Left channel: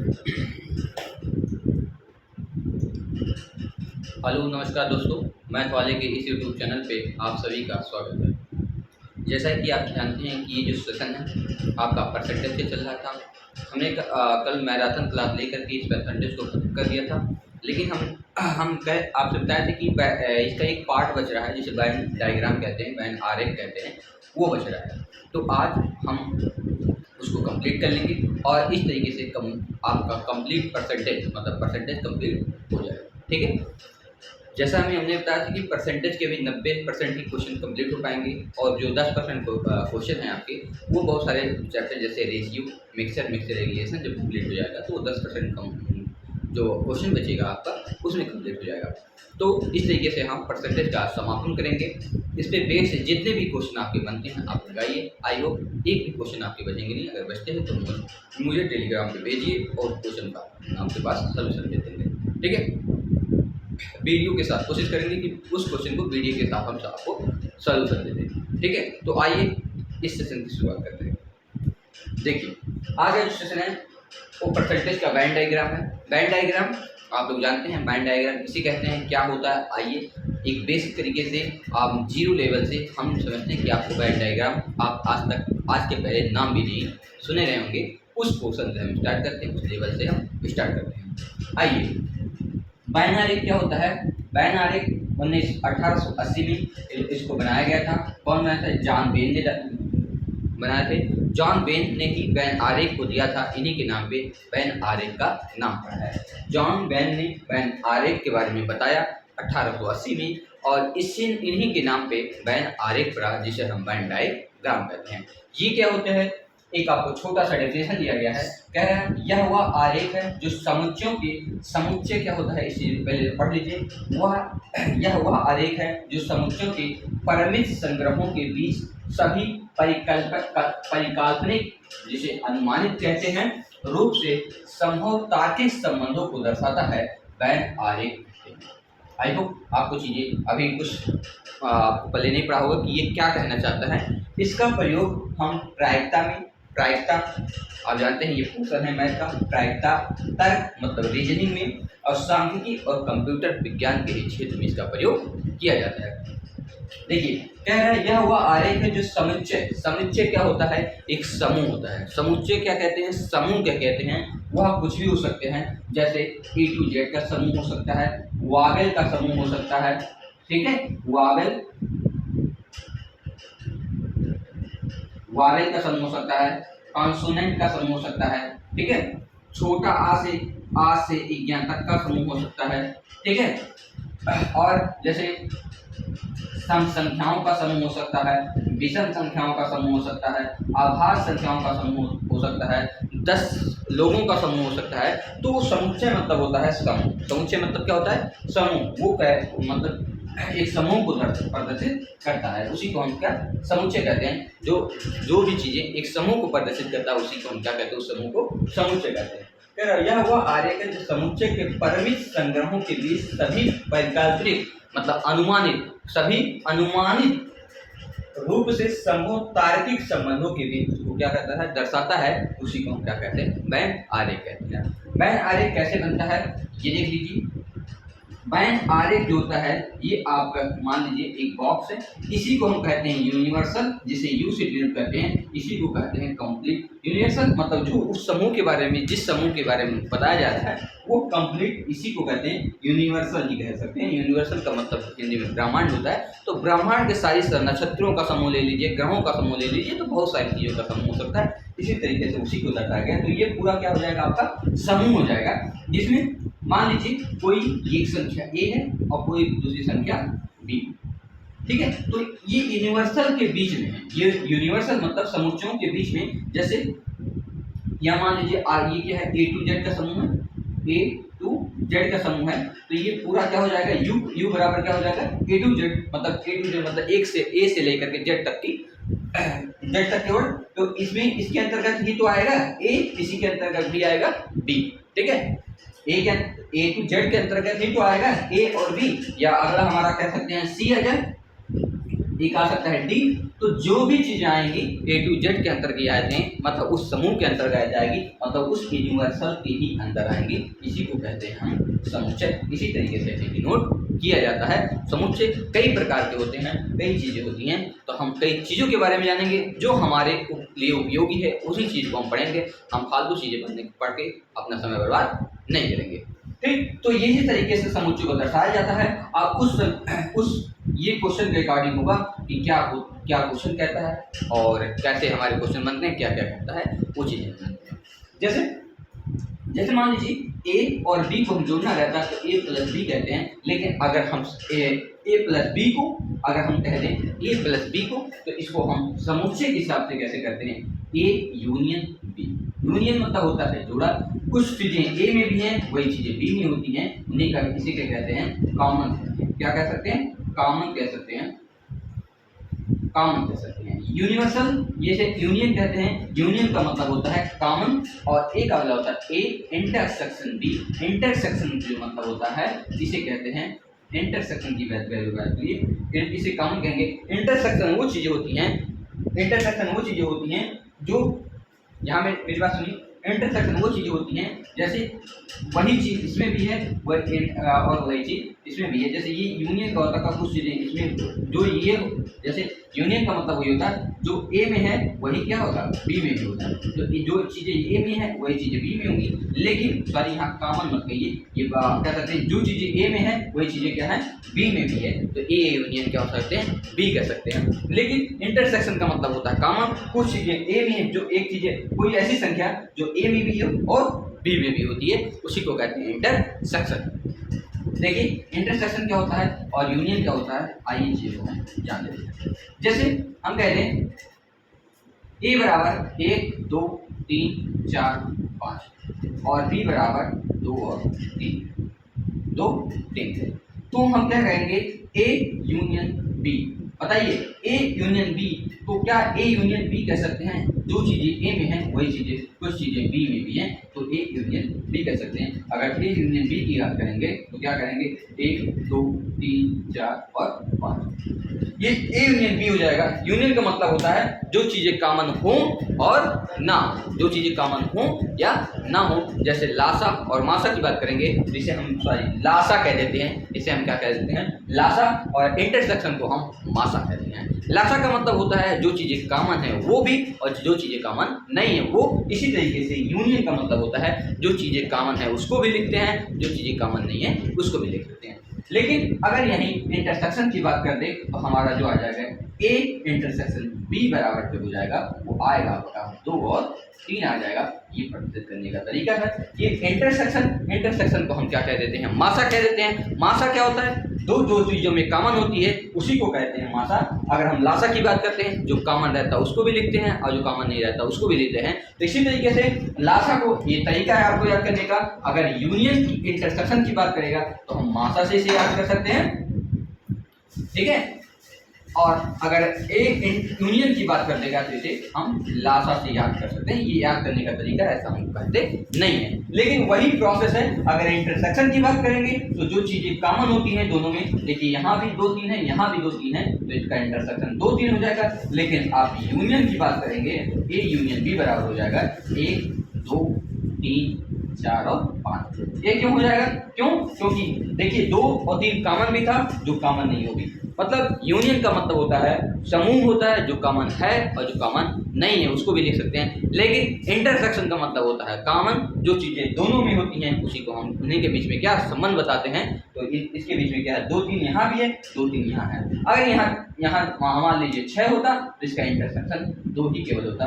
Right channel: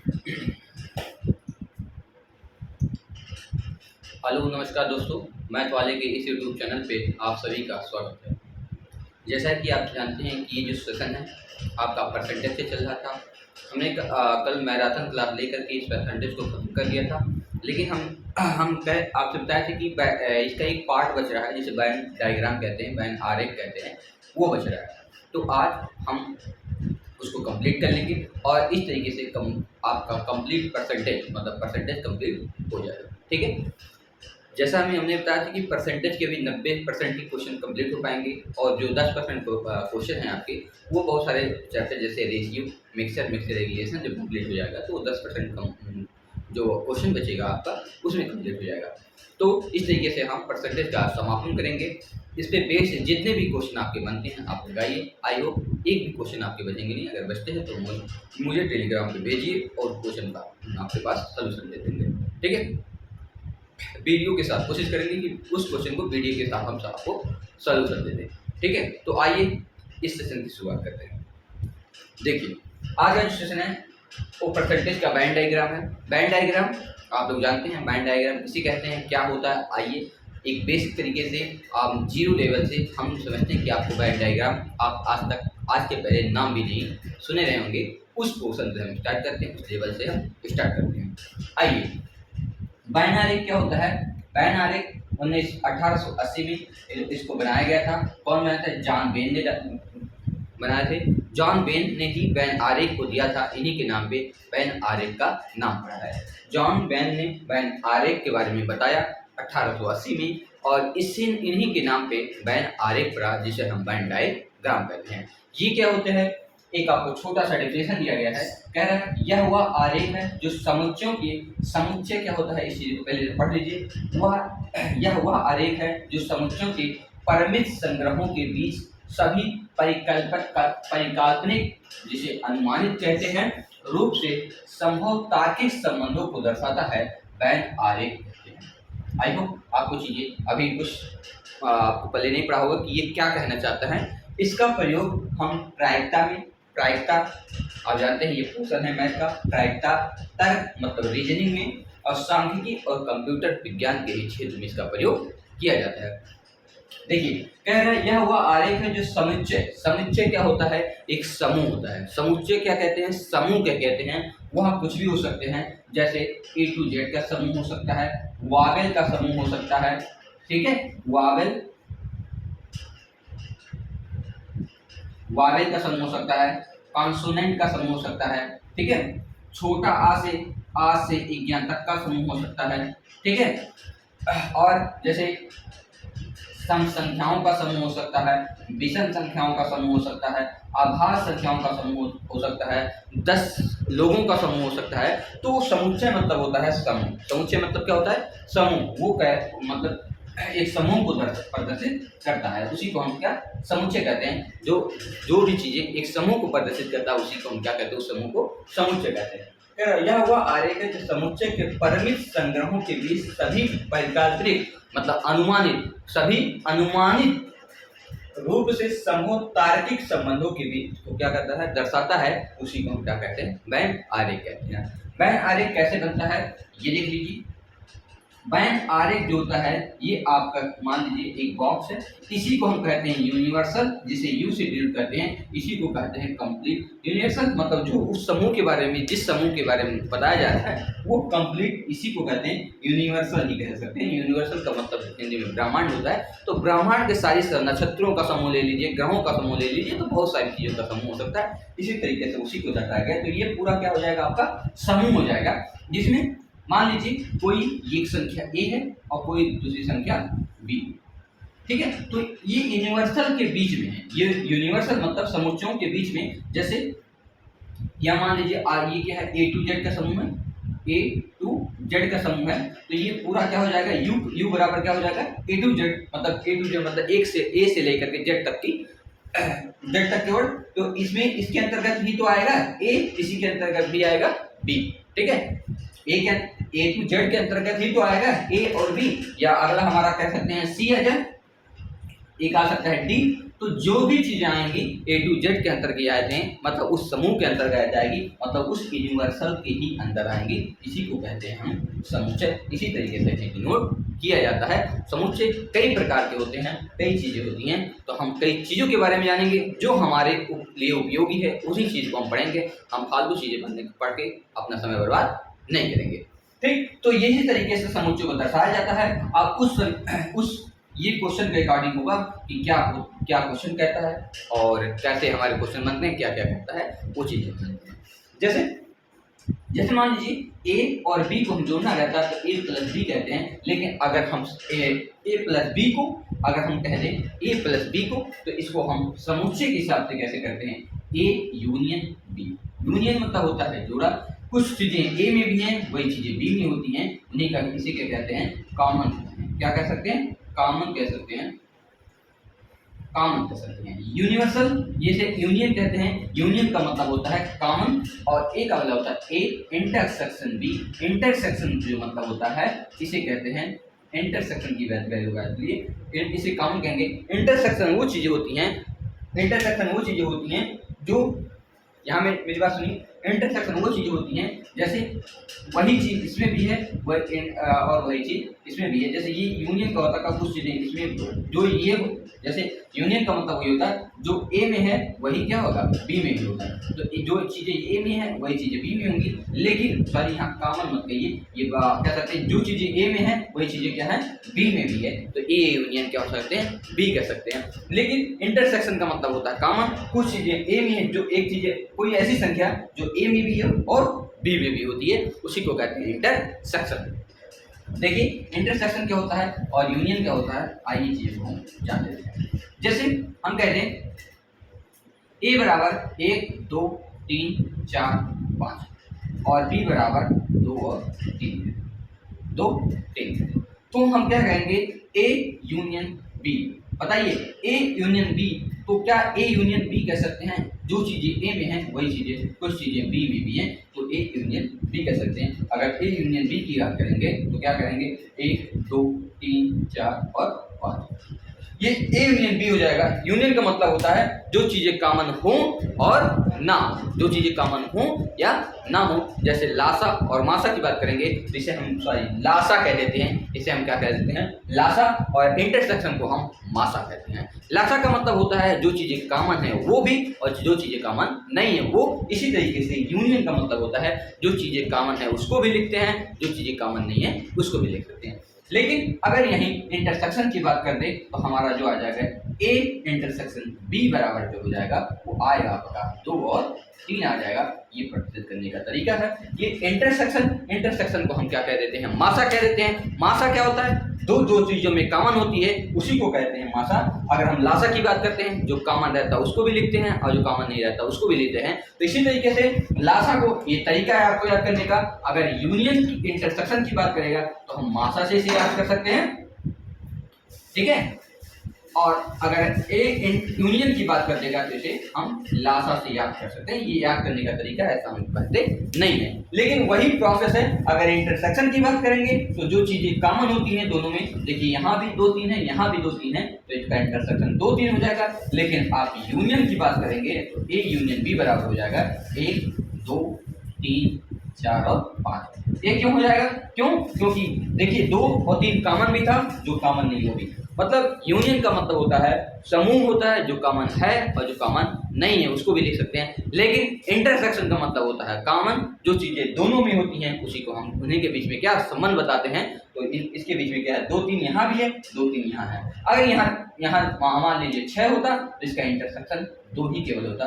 Hello नमस्कार दोस्तों, math वाले के इस यूट्यूब चैनल पे आप सभी का स्वागत है। जैसा कि आप जानते हैं कि ये जो सेशन है आपका परसेंटेज से चल रहा था। हमने कल मैराथन क्लास लेकर के इस परसेंटेज को खत्म कर दिया था, लेकिन हम कह आपसे बताए थे कि इसका एक पार्ट बच रहा है जिसे बैन डायग्राम कहते हैं, बैन आरेख कहते हैं, वो बच रहा है। तो आज हम उसको कंप्लीट कर लेंगे और इस तरीके से आपका कंप्लीट परसेंटेज मतलब परसेंटेज कंप्लीट हो जाएगा। ठीक है, जैसा हमने बताया था कि परसेंटेज के भी 90% ही क्वेश्चन कंप्लीट हो पाएंगे और जो 10% क्वेश्चन हैं आपके, वो बहुत सारे चैप्टर जैसे रेशियो, मिक्सर रेगुलेशन जब कंप्लीट हो जाएगा तो वो 10% कम जो क्वेश्चन बचेगा आपका उसमें कंप्लीट हो जाएगा। तो इस तरीके से हम परसेंटेज का समापन करेंगे। इस पे बेस जितने भी क्वेश्चन आपके बनते हैं आप लगाइए। आई होप एक भी क्वेश्चन आपके बचेंगे नहीं। अगर बचते हैं तो मुझे टेलीग्राम पे भेजिए और क्वेश्चन का आपके पास सोल्यूशन दे देंगे। ठीक है, वीडियो के साथ कोशिश करेंगे कि उस क्वेश्चन को वीडियो के साथ हम आपको सॉल्यूशन दे दें। ठीक है, तो आइए इस सेशन की शुरुआत करते हैं। देखिए, आज का जो सेशन है वो परसेंटेज का बैंड डायग्राम है। बैंड डायग्राम आप लोग जानते हैं, बैंड डायग्राम किसे कहते हैं, क्या होता है। आइए एक बेसिक तरीके से आप जीरो लेवल से हम समझते हैं कि आपको बैंड डायग्राम आप आज के पहले नाम भी नहीं सुने रहे होंगे, उस पोर्शन से हम स्टार्ट करते हैं, उस लेवल से हम स्टार्ट करते हैं। आइए, बैन आरेख क्या होता है। बैन आरेख 1880 में इसको बनाया गया था। कौन बनाया था? जॉन बेन ने बनाए थे। जॉन बेन ने ही बैन आरेख को दिया था, इन्हीं के नाम पे बैन आरेख का नाम पड़ा है। जॉन बेन ने बैन आरेख के बारे में बताया 1880 में और इससे इन्हीं के नाम पे बैन आरेख पड़ा, जिसे हम बैन डायग्राम कहते हैं। ये क्या होते हैं, एक आपको छोटा सा डेफिनेशन दिया गया है। कह रहे हैं यह वह आरेख है जो समुच्चयों के समुच्चय क्या होता है, इस चीज को पहले पढ़ लीजिए। यह वह आरेख है जो समुच्चयों के परिमित संग्रहों के बीच सभी परिकल्पनिक जिसे अनुमानित कहते हैं रूप से संभव तार्किक संबंधों को दर्शाता है। बैन आरेख। आई होप आपको चीजें अभी कुछ आपको पहले नहीं पढ़ा होगा कि ये क्या कहना चाहता है। इसका प्रयोग हम प्रायिकता आप जानते हैं ये पोर्शन है मैथ का। प्रायिकता तर्क मतलब रीजनिंग में और सांख्यिकी और कंप्यूटर विज्ञान के क्षेत्र में इसका प्रयोग किया जाता है। देखिए, कह रहे हैं यह हुआ आरेख है जो समुच्चय क्या होता है, एक समूह होता है। समुच्चय क्या कहते हैं, समूह क्या कहते हैं, वह कुछ भी हो सकते हैं। जैसे A to Z का समूह हो सकता है, वावेल का समूह हो सकता है। ठीक है, वावेल का समूह हो सकता है, कॉन्सोनेंट का समूह हो सकता है। ठीक है, छोटा आ से ज्ञान तक का समूह हो सकता है। ठीक है, और जैसे सम संख्याओं का समूह हो सकता है, विषम संख्याओं का समूह हो सकता है, आभास संख्याओं का समूह हो सकता है, 10 लोगों का समूह हो सकता है। तो समुच्चय मतलब होता है समूह। समुच्चय मतलब क्या होता है, समूह। वो मतलब एक समूह को प्रदर्शित करता है, उसी को हम क्या समुच्चय कहते हैं। जो भी चीजें एक समूह को प्रदर्शित करता है उसी को हम क्या कहते हैं, उस समूह को समुच्चय कहते हैं। यह वह आरेख है जो समुच्चय के परिमित संग्रहों के बीच सभी वैकल्पिक मतलब अनुमानित रूप से संभव तार्किक संबंधों के बीच को क्या करता है, दर्शाता है। उसी को हम क्या कहते हैं, बैन आरेख कहते हैं। बैन आरेख कैसे बनता है ये देख लीजिए। बैन आरेख जो होता है ये आपका मान लीजिए एक बॉक्स है, इसी को हम कहते हैं यूनिवर्सल, जिसे यू से डिनोट करते हैं, इसी को कहते हैं कंप्लीट। यूनिवर्सल मतलब जो उस समूह के बारे में, जिस समूह के बारे में बताया जा रहा है वो कंप्लीट, इसी को कहते हैं यूनिवर्सल ही कह सकते हैं। यूनिवर्सल का मतलब हिंदी में ब्रह्मांड होता है। तो ब्रह्मांड के सारी नक्षत्रों का समूह ले लीजिए, ग्रहों का समूह ले लीजिए, तो बहुत सारी चीजों का समूह हो सकता है। इसी तरीके से उसी को दर्शाया गया। तो ये पूरा क्या हो जाएगा, आपका समूह हो जाएगा, जिसमें मान लीजिए कोई एक संख्या A है और कोई दूसरी संख्या B। ठीक है, तो ये यूनिवर्सल के बीच में है। ये यूनिवर्सल मतलब समुच्चयों के बीच में। जैसे या मान लीजिए ये क्या है, A to Z का समूह है, A to Z का समूह है। तो ये पूरा क्या हो जाएगा, U बराबर क्या हो जाएगा, A to Z मतलब एक से A से लेकर के Z तक की Z तक केवल। तो इसमें इसके अंतर्गत भी तो आएगा A, इसी के अंतर्गत भी आएगा B। ठीक है, A to Z के अंतर्गत ही तो आएगा A और B। या अगला हमारा कह सकते हैं C है, एक आ सकता है D तो जो भी चीजें आएंगी ए टू जेड के अंतर्गत आ जाएंगी, मतलब उस समूह के अंतर्गत जाएगी, मतलब उस यूनिवर्सल के ही अंदर आएंगे, इसी को कहते हैं हम समुच्चय। इसी तरीके से इसे डिनोट किया जाता है। समुच्चय कई प्रकार के होते हैं, कई चीजें होती हैं, तो हम कई चीजों के बारे में जानेंगे जो हमारे लिए उपयोगी है, उसी चीज को हम पढ़ेंगे। हम फालतू चीजें पढ़ के अपना समय बर्बाद नहीं करेंगे। ठीक, तो यही तरीके से समुच्चय को दर्शाया जाता है। अब उस ये क्वेश्चन के अकॉर्डिंग होगा कि क्या क्वेश्चन कहता है और कैसे हमारे क्वेश्चन बनते हैं, क्या क्या कहता है, वो चीजें जानते हैं। जैसे मान लीजिए ए और बी को हम जोड़ना रहता है तो ए प्लस बी कहते हैं, लेकिन अगर हम ए प्लस बी को अगर हम कह दें ए प्लस बी को, तो इसको हम समुच्चय के हिसाब से कैसे करते हैं, ए यूनियन बी। यूनियन मतलब होता है जोड़ा, कुछ चीजें ए में भी हैं वही चीजें बी में होती हैं, उन्हीं का इसी के कहते हैं कॉमन। क्या कह सकते हैं, कॉमन कह सकते हैं, कॉमन कह सकते हैं। यूनिवर्सल ये से यूनियन कहते हैं, यूनियन का मतलब होता है कॉमन, और ए का मतलब होता है ए इंटरसेक्शन बी। इंटरसेक्शन जो मतलब होता है इसे कहते हैं इंटरसेक्शन की बात करें, इसे कॉमन कहेंगे। इंटरसेक्शन वो चीजें होती हैं, इंटरसेक्शन वो चीजें होती हैं जो, यहाँ में मेरी बात सुनिए, इंटरसेक्शन वो चीजें होती हैं जैसे वही चीज इसमें भी है और वही चीज इसमें भी है। जैसे ये यूनियन का होता है, कुछ चीजें इसमें जो ये जैसे यूनियन का मतलब वही होता है जो ए में है वही क्या होगा, बी में भी होगा। तो जो चीजें ए में है वही चीजें बी में होंगी, लेकिन सॉरी यहाँ कॉमन मत कहिए, ये क्या कहते हैं, जो चीजें ए में है वही चीजें क्या है, बी में भी है, तो ए यूनियन क्या हो सकते हैं, बी कह सकते हैं। लेकिन इंटरसेक्शन का मतलब होता है कॉमन, कुछ चीजें ए में है, जो एक चीजें कोई ऐसी संख्या जो ए में भी है और बी में भी होती है, उसी को कहते हैं इंटरसेक्शन। देखिए इंटरसेक्शन क्या होता है और यूनियन क्या होता है, आइए चीज़ को हम जान लेते हैं। जैसे हम कहते हैं ए बराबर 1 2 3 4 5 और बी बराबर 2 और 3, तो हम क्या कहेंगे, ए यूनियन बी। बताइए ए यूनियन बी, तो क्या ए यूनियन बी कह सकते हैं, जो चीजें ए में हैं वही चीजें कुछ चीजें बी में भी हैं, तो ए यूनियन बी कह सकते हैं। अगर ए यूनियन बी की बात करेंगे तो क्या करेंगे, 1 2 3 4 और 5, ये ए यूनियन बी हो जाएगा। यूनियन का मतलब होता है जो चीजें कॉमन हो और ना हो, जो चीजें कॉमन हो या ना हो। जैसे लासा और मासा की बात करेंगे तो इसे हम लासा कह देते हैं, इसे हम क्या कह देते हैं, लासा, और इंटरसेक्शन को हम मासा कहते हैं। लासा का मतलब होता है जो चीजें कॉमन है वो भी और जो चीजें कॉमन नहीं है वो। इसी तरीके से यूनियन का मतलब होता है जो चीजें कॉमन है उसको भी लिखते हैं, जो चीजें कॉमन नहीं है उसको भी लिख सकते हैं। लेकिन अगर यहीं इंटरसेक्शन की बात कर दें तो हमारा जो आ जाएगा ए इंटरसेक्शन बी बराबर जो हो जाएगा वो आएगा आपका 2 और 3 आ जाएगा। ये प्रतिशत करने का तरीका है। ये इंटरसेक्शन को हम क्या कह देते हैं, मासा कह देते हैं। मासा क्या होता है, दो चीजों में कॉमन होती है उसी को कहते हैं मासा। अगर हम लासा की बात करते हैं जो कॉमन रहता है उसको भी लिखते हैं और जो कॉमन नहीं रहता उसको भी लिखते हैं। तो इसी तरीके से लासा को, ये तरीका है आपको याद करने का। अगर यूनियन की इंटरसेक्शन की बात करेगा तो हम मासा से इसे याद कर सकते हैं, ठीक है। और अगर ए यूनियन की बात कर देगा तो इसे हम लासा से याद कर सकते हैं। ये याद करने का तरीका ऐसा हम कहते नहीं है, लेकिन वही प्रोसेस है। अगर इंटरसेक्शन की बात करेंगे तो जो चीजें कॉमन होती हैं दोनों में, देखिए यहाँ भी 2 3 है, यहाँ भी 2 3 है, तो इसका इंटरसेक्शन 2 3 हो जाएगा। लेकिन आप यूनियन की बात करेंगे तो ए यूनियन बी बराबर हो जाएगा 1 2 3 4 और 5। ये क्यों हो जाएगा, क्योंकि देखिए 2 और 3 कॉमन भी था, जो कॉमन नहीं होगी। मतलब यूनियन का मतलब होता है समूह होता है जो कॉमन है और जो कॉमन नहीं है उसको भी लिख सकते हैं। लेकिन इंटरसेक्शन का मतलब होता है कॉमन, जो चीजें दोनों में होती हैं उसी को हम उन्हीं के बीच में क्या संबंध बताते हैं। तो इसके बीच में क्या है, 2 3 यहाँ भी है, 2 3 यहाँ है। अगर यहाँ मान लीजिए 6 होता तो इसका इंटरसेक्शन 2 ही केवल होता,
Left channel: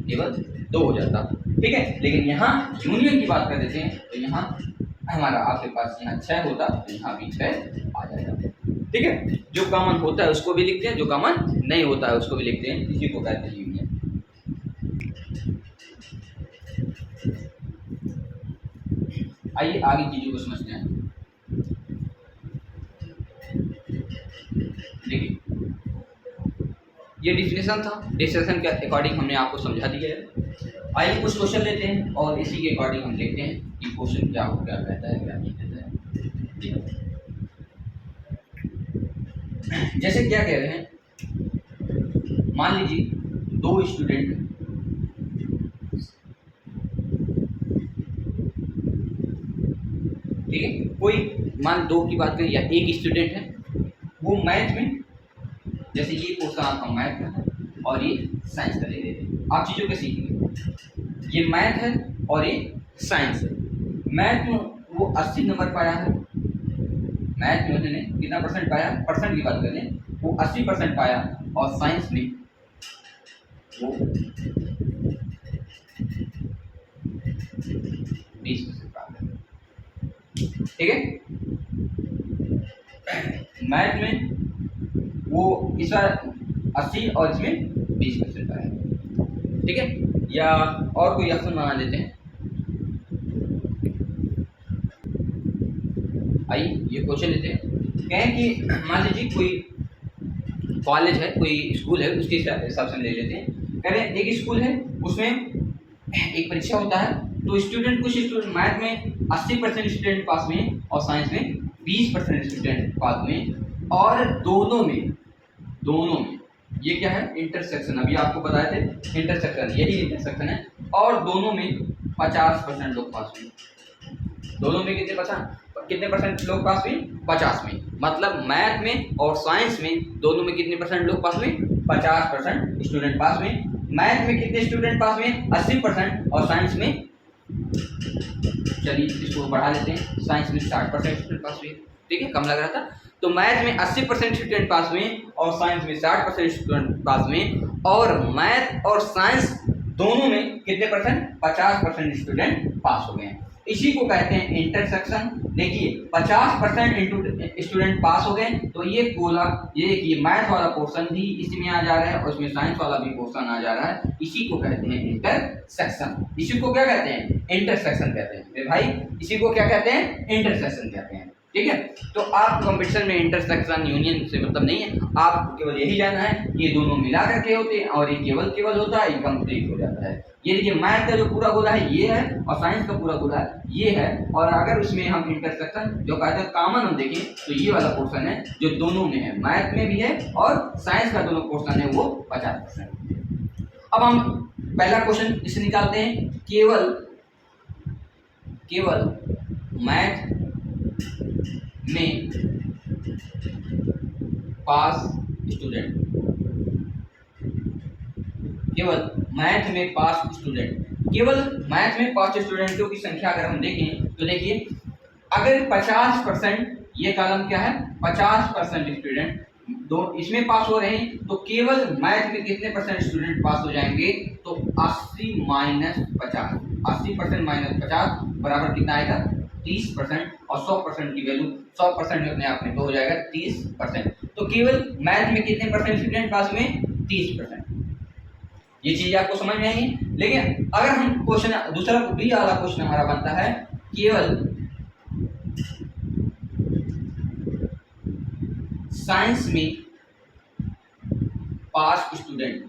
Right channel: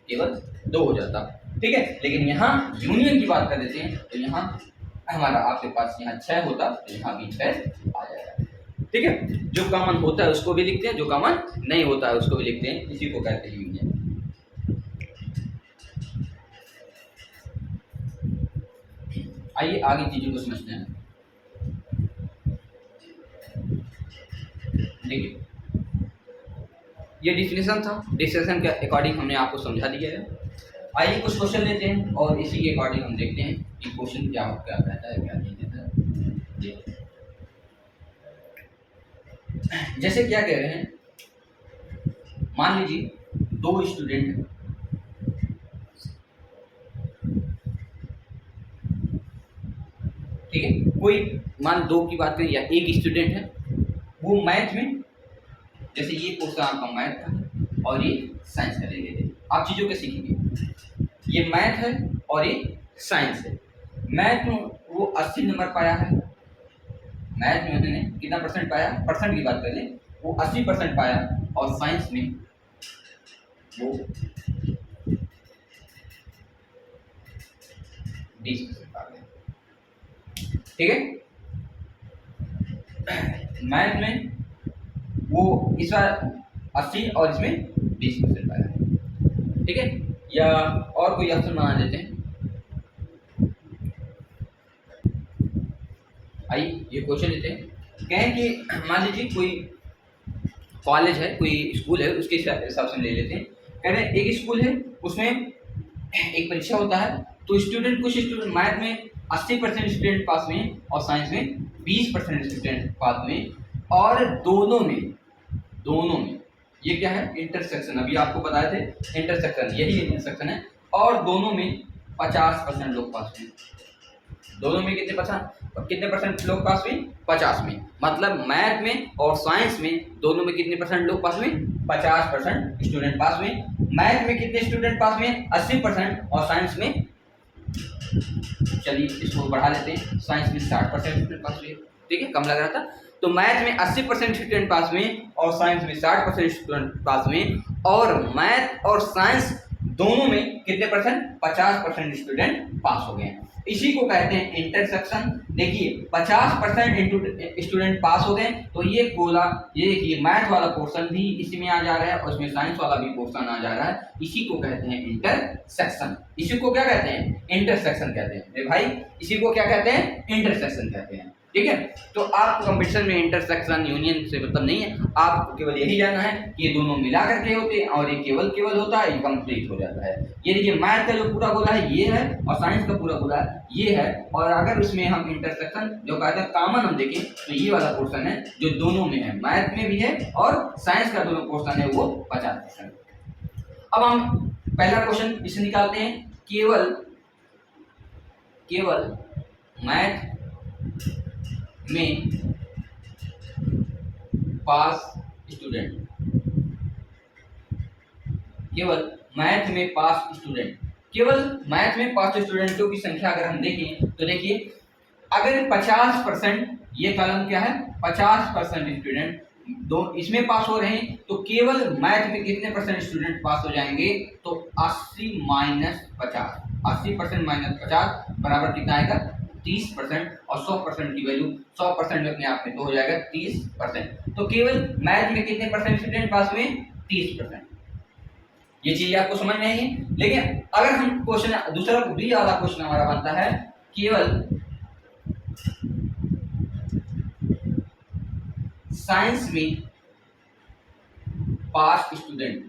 केवल 2 हो जाता, ठीक है। लेकिन यहाँ यूनियन की बात कर देते हैं तो यहाँ हमारा आपके पास यहाँ 6 होता तो यहाँ भी 6 आ जाएगा, ठीक है। जो कॉमन होता है उसको भी लिखते हैं, जो कॉमन नहीं होता है उसको भी लिखते हैं, इसी को कहते हैं यूनियन। आइए आगे चीजों को समझते हैं। देखिए ये डिफिनेशन था, डिफिनेशन के अकॉर्डिंग हमने आपको समझा दिया है। आइए कुछ क्वेश्चन लेते हैं और इसी के अकॉर्डिंग हम देखते हैं कि क्वेश्चन क्या कहता है क्या नहीं कहता है। जैसे क्या कह रहे हैं, मान लीजिए दो स्टूडेंट ठीक है, कोई मान दो की बात करें या एक स्टूडेंट है, वो मैथ में, जैसे ये क्वेश्चन आपका मैथ का है और ये साइंस का ले लेते हैं। आप चीज़ों को सीखेंगे, ये मैथ है और ये साइंस है। मैथ में वो 80 नंबर पाया है, मैथ में उन्होंने कितना परसेंट पाया, परसेंट की बात करें वो 80% पाया, और साइंस में वो 20% पाया। ठीक है, मैथ में वो इस बार 80 और इसमें 20% पाया। ठीक है, या और कोई ऑप्शन बना लेते हैं। आइए ये क्वेश्चन लेते हैं। कहें कि मान लीजिए कोई कॉलेज है, कोई स्कूल है, उसके हिसाब से ले लेते हैं। कह रहे हैं एक स्कूल है, उसमें एक परीक्षा होता है, तो स्टूडेंट कुछ स्टूडेंट मैथ में 80% स्टूडेंट पास में और साइंस में 20% स्टूडेंट पास में, और दोनों में ये क्या है, इंटरसेक्शन, अभी आपको बताए थे इंटरसेक्शन, यही इंटरसेक्शन है, और दोनों में 50% लोग पास हुए। दोनों में कितने परसेंट लोग पास हुए, 50 में। मतलब मैथ में और साइंस में दोनों में कितने परसेंट लोग पास हुए, 50% स्टूडेंट पास हुए। मैथ में कितने स्टूडेंट पास हुए, 80%, और साइंस में, चलिए इसको बढ़ा लेते हैं, साइंस में 60% स्टूडेंट पास हुए। ठीक है, कम लग रहा था। तो मैथ में 80% स्टूडेंट पास हुए और साइंस में 60% स्टूडेंट पास हुए, और मैथ और साइंस दोनों में कितने परसेंट, 50% स्टूडेंट पास हो गए। इसी को कहते हैं इंटरसेक्शन। देखिए 50% स्टूडेंट पास हो गए, तो ये बोला, ये मैथ वाला पोर्शन भी इसमें आ जा रहा है और इसमें साइंस वाला भी पोर्शन आ जा रहा है। इसी को कहते हैं इंटरसेक्शन। इसी को क्या कहते हैं, इंटरसेक्शन कहते हैं भाई, इसी को क्या कहते हैं, इंटरसेक्शन कहते हैं। ठीक है, तो आप कंपटीशन में इंटरसेक्शन यूनियन से मतलब नहीं है, आपको केवल यही जानना है कि ये दोनों मिला करके होते हैं और ये केवल होता है, ये कंप्लीट हो जाता है। ये देखिए मैथ का जो पूरा गोला है ये है, और साइंस का पूरा गोला ये है, और अगर उसमें हम इंटरसेक्शन जो कहते हैं कॉमन हम देखें तो ये वाला पोर्शन है जो दोनों में है, मैथ में भी है और साइंस का दोनों पोर्शन है वो 50%। अब हम पहला क्वेश्चन इसे निकालते हैं, केवल मैथ में पास स्टूडेंट, केवल मैथ में पास स्टूडेंटों की संख्या अगर हम देखें तो देखिए, अगर 50%, ये कॉलम क्या है, 50% स्टूडेंट दो इसमें पास हो रहे हैं, तो केवल मैथ में कितने परसेंट स्टूडेंट पास हो जाएंगे, तो 80 माइनस 50, 80% माइनस 50 बराबर कितना आएगा, 30%, और 100% की वैल्यू 100% अपने आप में तो हो जाएगा 30%। तो केवल मैथ में कितने परसेंट स्टूडेंट पास हुए, 30%। ये चीज आपको समझ में आएगी। लेकिन अगर हम क्वेश्चन दूसरा बी वाला क्वेश्चन हमारा बनता है, केवल साइंस में पास स्टूडेंट,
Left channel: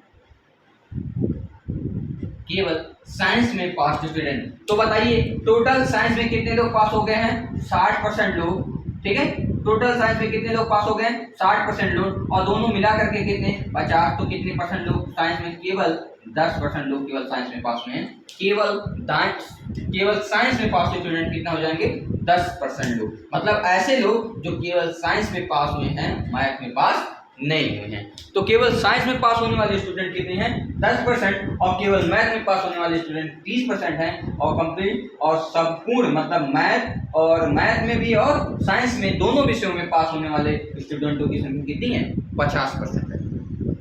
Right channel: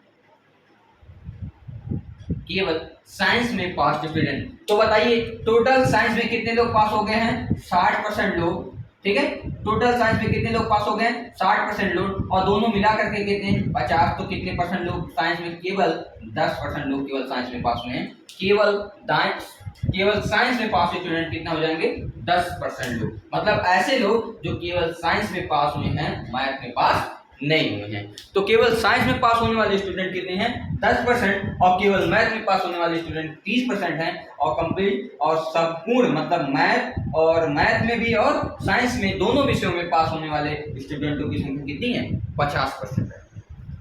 केवल साइंस में पास स्टूडेंट, तो बताइए टोटल साइंस में कितने लोग पास हो गए हैं, 60% लोग। ठीक है, टोटल साइंस में कितने लोग पास हो गए, 60% लोग, और दोनों मिला करके कितने, 50, तो कितने परसेंट लोग साइंस में, केवल 10% लोग केवल साइंस में पास हुए हैं। केवल साइंस में पास स्टूडेंट कितना हो जाएंगे, 10% लोग। मतलब ऐसे लोग जो केवल साइंस में पास हुए हैं, मैथ में पास नहीं हुए हैं। तो केवल साइंस में पास होने वाले स्टूडेंट कितने हैं, 10%, और केवल मैथ में पास होने वाले स्टूडेंट 30% हैं, और कंप्लीट और संपूर्ण मतलब मैथ में भी और साइंस में दोनों विषयों में पास होने वाले स्टूडेंटों की संख्या कितनी है, 50% है।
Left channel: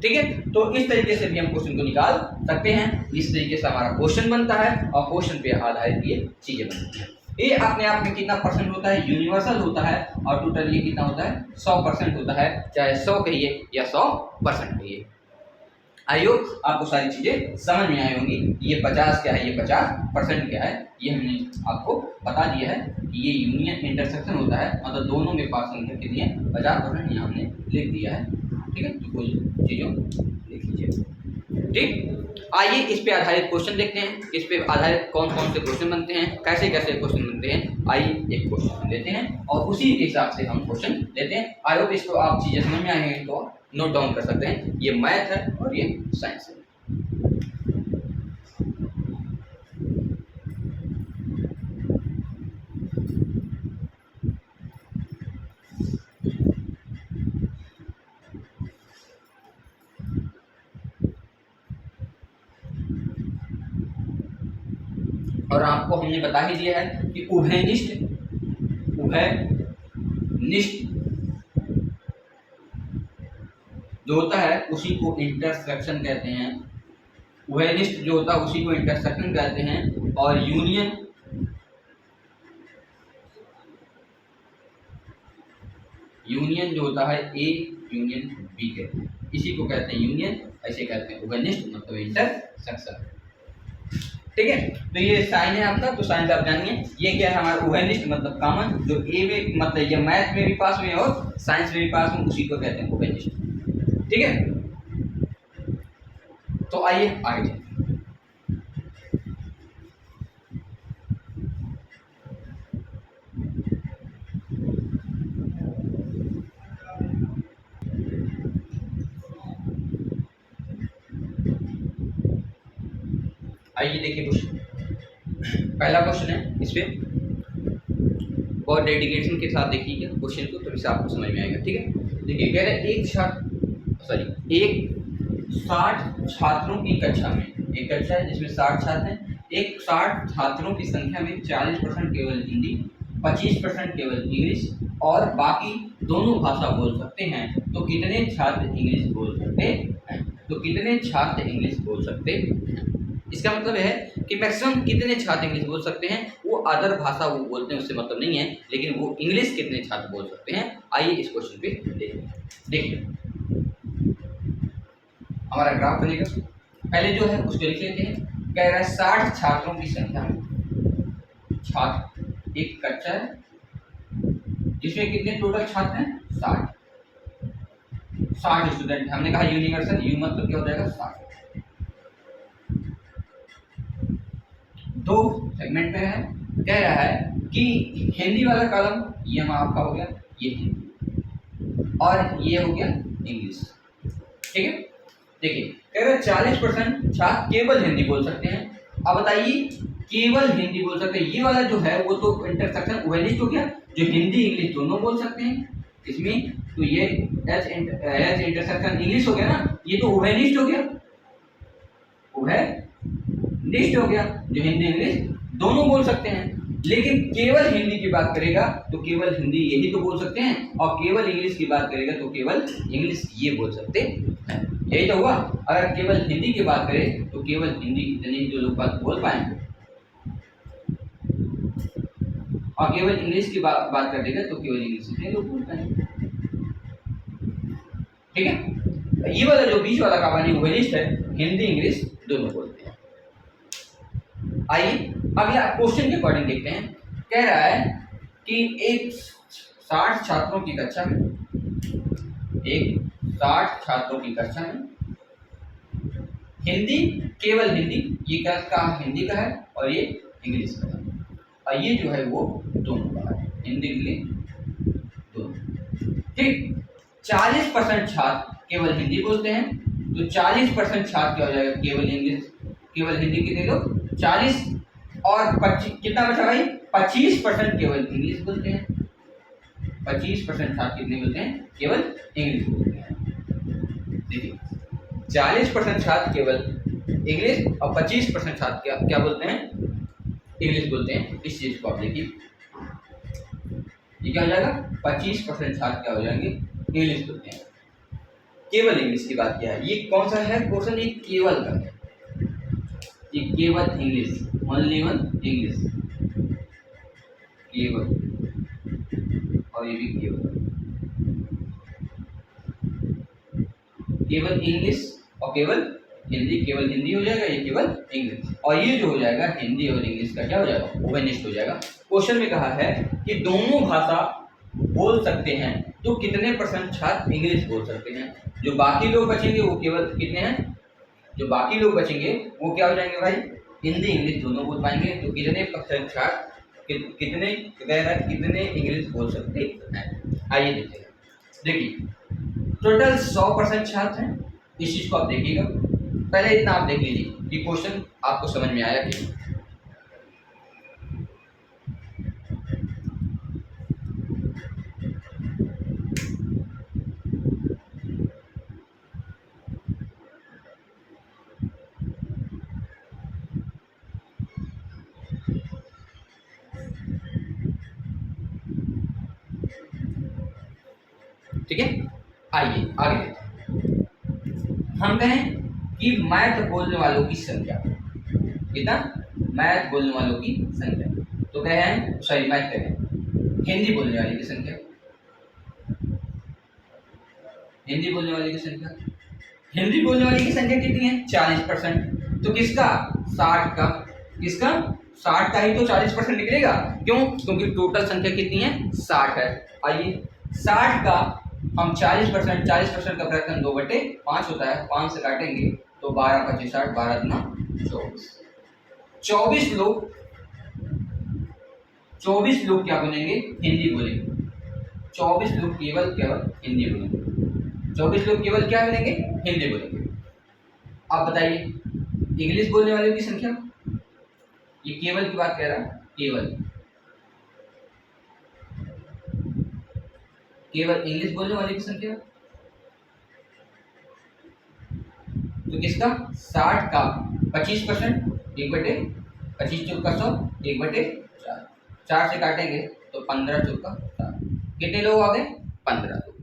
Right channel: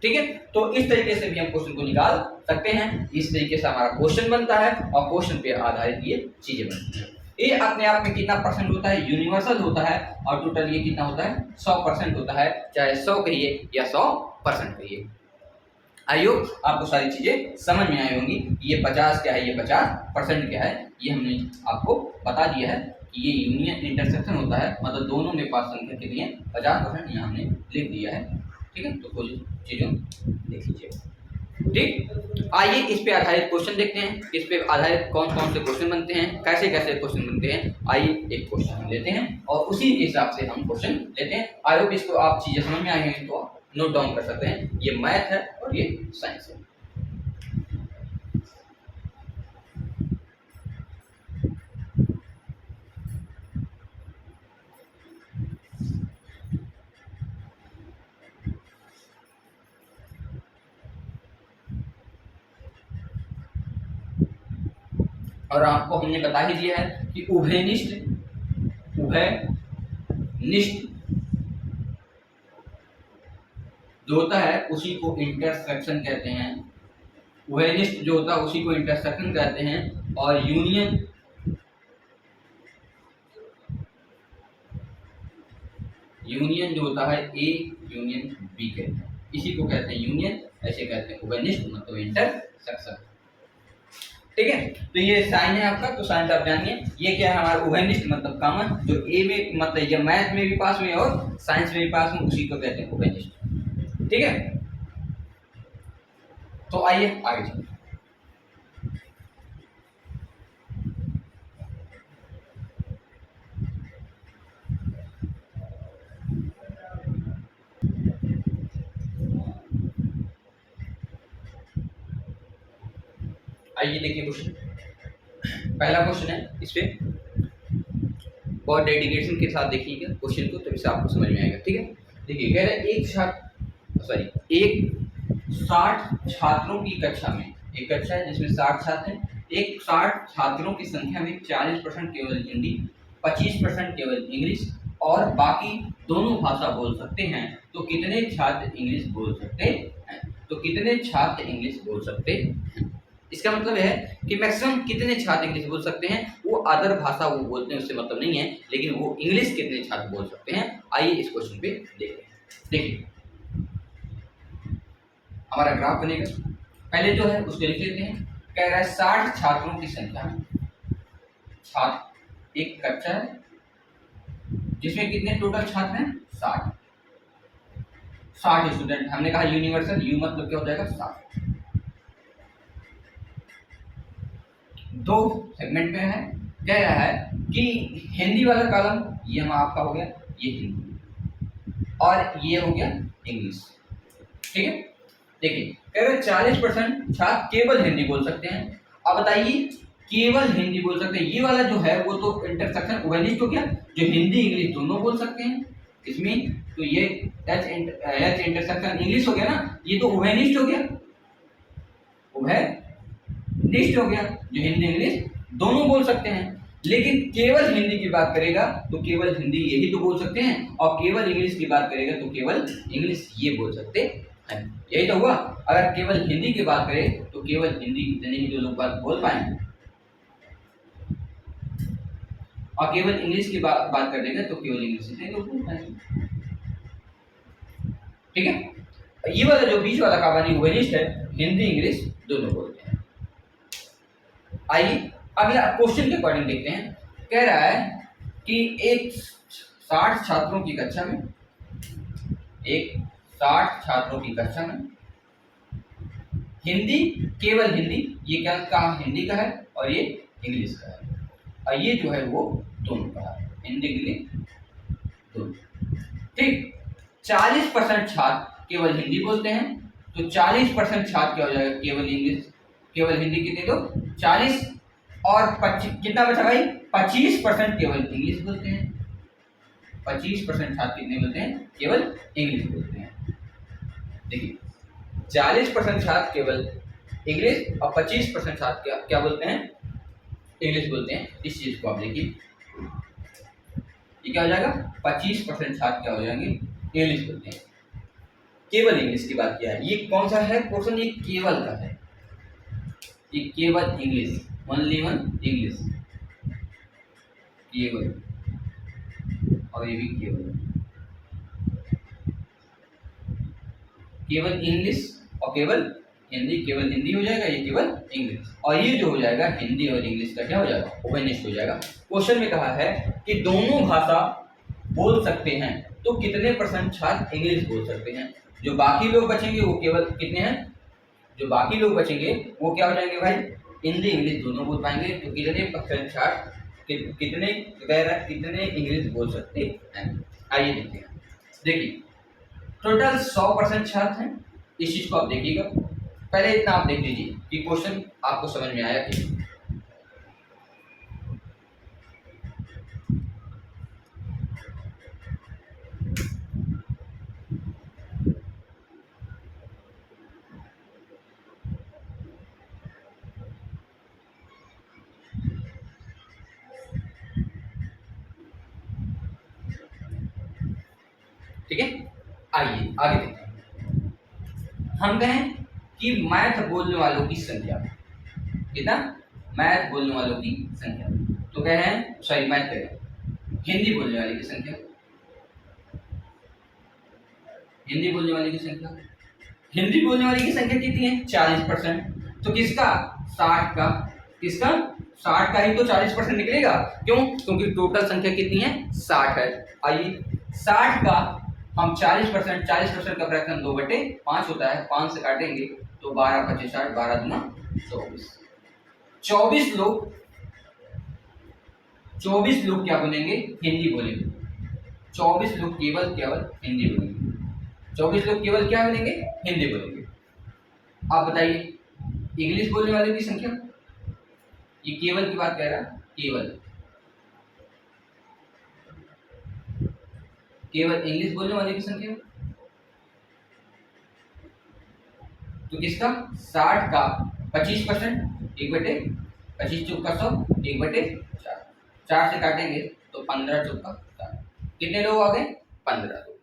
ठीक है, तो इस तरीके से भी हम क्वेश्चन को निकाल सकते हैं। इस तरीके से हमारा क्वेश्चन बनता है और क्वेश्चन पे आधारित ये चीजें बनती हैं। ये अपने आप में कितना परसेंट होता है, यूनिवर्सल होता है, और टोटल ये कितना होता है, 100% होता है, चाहे 100 कहिए या 100% कहिए। आई होप आपको सारी चीजें समझ में आई होंगी। ये 50 क्या है, ये 50% क्या है, ये हमने आपको बता दिया है कि ये यूनियन इंटरसेक्शन होता है, मतलब दोनों में पास संख्या कितनी है, 50%, यहाँ हमने लिख दिया है। ठीक है, तो कुछ चीज़ों लिख लीजिए। ठीक, आइए इस पे आधारित क्वेश्चन देखते हैं, इस पे आधारित कौन कौन से क्वेश्चन बनते हैं, कैसे कैसे क्वेश्चन बनते हैं। आइए एक क्वेश्चन हम लेते हैं और उसी के हिसाब से हम क्वेश्चन लेते हैं। आई होप इसको आप चीज़ें समझ में आई हैं, तो नोट डाउन कर सकते हैं। ये मैथ है और ये साइंस है। और आपको हमने बता ही दिया है कि उभयनिष्ठ जो होता है उसी को इंटरसेक्शन कहते हैं। उभयनिष्ठ जो होता है उसी को इंटरसेक्शन कहते हैं। और यूनियन जो होता है ए यूनियन बी कहते हैं, इसी को कहते हैं यूनियन, ऐसे कहते हैं उभयनिष्ठ मतलब इंटरसेक्शन। ठीक है, तो ये साइन है आपका, तो साइन आप जानिए। ये क्या है हमारा उभयनिष्ठ मतलब कॉमन, जो ए में मतलब ये मैथ में भी पास में और साइंस में भी पास में, उसी को कहते हैं उभयनिष्ठ। ठीक है, तो आइए आगे चलते हैं। आइए देखिए क्वेश्चन, पहला क्वेश्चन है, इस पे बहुत डेडिकेशन के साथ देखिएगा क्वेश्चन को, तभी से आपको समझ में आएगा। ठीक है, देखिए कह रहे हैं एक 60 छात्रों की कक्षा में, एक कक्षा है जिसमें 60 छात्र हैं, एक 60 छात्रों की संख्या में 40% केवल हिंदी, 25% केवल इंग्लिश और बाकी दोनों भाषा बोल सकते हैं, तो कितने छात्र इंग्लिश बोल सकते हैं? तो कितने छात्र इंग्लिश बोल सकते हैं? इसका मतलब है कि मैक्सिमम कितने छात्र इंग्लिश बोल सकते हैं, वो अदर भाषा वो बोलते हैं उससे मतलब नहीं है, लेकिन वो इंग्लिश कितने छात्र बोल सकते हैं। आइए इस क्वेश्चन पे देखिए हमारा ग्राफ बनेगा। पहले जो है उसको लिख लेते हैं। कह रहा है 60 छात्रों की संख्या में, छात्र एक कक्षा है जिसमें कितने टोटल छात्र हैं? 60 स्टूडेंट। हमने कहा यूनिवर्सल, यू मतलब क्या हो जाएगा? 60। दो सेगमेंट में है। कह रहा है कि हिंदी वाला कॉलम ये हम आपका हो गया, ये हिंदी, और ये हो गया इंग्लिश। ठीक है, देखिए कह रहे 40% छात्र केवल हिंदी बोल सकते हैं। अब बताइए, केवल हिंदी बोल सकते हैं, ये वाला जो है वो तो इंटरसेक्शन उभयनिष्ठ हो गया, जो हिंदी इंग्लिश दोनों बोल सकते हैं इसमें, तो ये एच इंटरसेक्शन इंग्लिश हो गया ना, ये तो उभयनिष्ठ हो गया, उभयनिष्ठ हो गया, जो हिंदी इंग्लिश दोनों बोल सकते हैं। लेकिन केवल हिंदी की बात करेगा तो केवल हिंदी यही तो बोल सकते हैं, और केवल इंग्लिश की बात करेगा तो केवल इंग्लिश ये बोल सकते हैं। यही तो हुआ। अगर केवल हिंदी की बात करें तो केवल हिंदी इतने ही जो लोग बात बोल पाएंगे, और केवल इंग्लिश की बात कर देगा तो केवल इंग्लिश इतने लोग बोल पाएंगे। ठीक है, ये वाला जो बीच वाला कहानी उभयनिष्ठ है, हिंदी इंग्लिश दोनों बोलते हैं। आइए अगला क्वेश्चन के अकॉर्डिंग देखते हैं। कह रहा है कि एक 60 छात्रों की कक्षा में, एक 60 छात्रों की कक्षा में हिंदी, केवल हिंदी, ये क्या कहा? हिंदी का है, और ये इंग्लिश का है, और ये जो है वो दोनों का है, हिंदी इंग्लिश दोनों। ठीक, 40% छात्र केवल हिंदी बोलते हैं, तो 40% छात्र क्या हो जाएगा? केवल इंग्लिश, केवल हिंदी कितने लोग? 40, और 25 कितना बचा भाई? 25% केवल इंग्लिश बोलते हैं। 25% छात्र कितने बोलते हैं? केवल इंग्लिश बोलते हैं। देखिए 40% छात्र केवल इंग्लिश और 25% छात्र क्या बोलते हैं? इंग्लिश बोलते हैं। इस चीज को आप देखिए, ये क्या हो जाएगा? 25% छात्र क्या हो जाएंगे? इंग्लिश बोलते हैं। केवल इंग्लिश की बात किया है। ये कौन सा है क्वेश्चन? ये केवल का है, ये केवल इंग्लिश, ओनली वन इंग्लिश, केवल, और ये भी केवल, केवल इंग्लिश और केवल हिंदी, केवल हिंदी हो जाएगा, ये केवल इंग्लिश, और ये जो हो जाएगा हिंदी और इंग्लिश का क्या हो जाएगा? उभयनिष्ठ हो जाएगा। क्वेश्चन में कहा है कि दोनों भाषा बोल सकते हैं, तो कितने % छात्र इंग्लिश बोल सकते हैं? जो बाकी लोग बचेंगे वो केवल कितने हैं? जो बाकी लोग बचेंगे वो क्या हो जाएंगे भाई? हिंदी इंग्लिश दोनों बोल पाएंगे, तो कितने % छात्र कितने कह रहा है कितने इंग्लिश बोल सकते हैं? आइए देखते हैं। देखिए टोटल 100% छात्र हैं। इस चीज को आप देखिएगा, पहले इतना आप देख लीजिए कि क्वेश्चन आपको समझ में आया कि ठीक है। आइए आगे देखते हैं। हम कहें कि मैथ बोलने वालों की संख्या कितना, मैथ बोलने वालों की संख्या, तो कहे हैं सॉरी मैथ कहें हिंदी बोलने वाले की संख्या, हिंदी बोलने वाले की संख्या, हिंदी बोलने वाले की संख्या कितनी है 40%। तो किसका 60 का, किसका 60 का ही तो 40% निकलेगा। क्यों, क्योंकि टोटल संख्या कितनी है 60 है। आइए 60 का हम 40%, 40% का फ्रैक्शन 2/5 होता है, 5 से काटेंगे तो 12 25 60, 12 दूना 24, 24 लोग, 24 लोग क्या बोलेंगे हिंदी बोलेंगे, 24 लोग केवल केवल हिंदी बोलेंगे, 24 लोग केवल क्या बोलेंगे हिंदी बोलेंगे। आप बताइए इंग्लिश बोलने वाले की संख्या, ये केवल की बात कह रहा है, केवल केवल इंग्लिश बोलने वाले की संख्या, तो किसका 60 का 25%, 1/25 चौका 100, 1/4, 4 से काटेंगे तो 15 चौका 7, कितने लोग आ गए 15 लोग।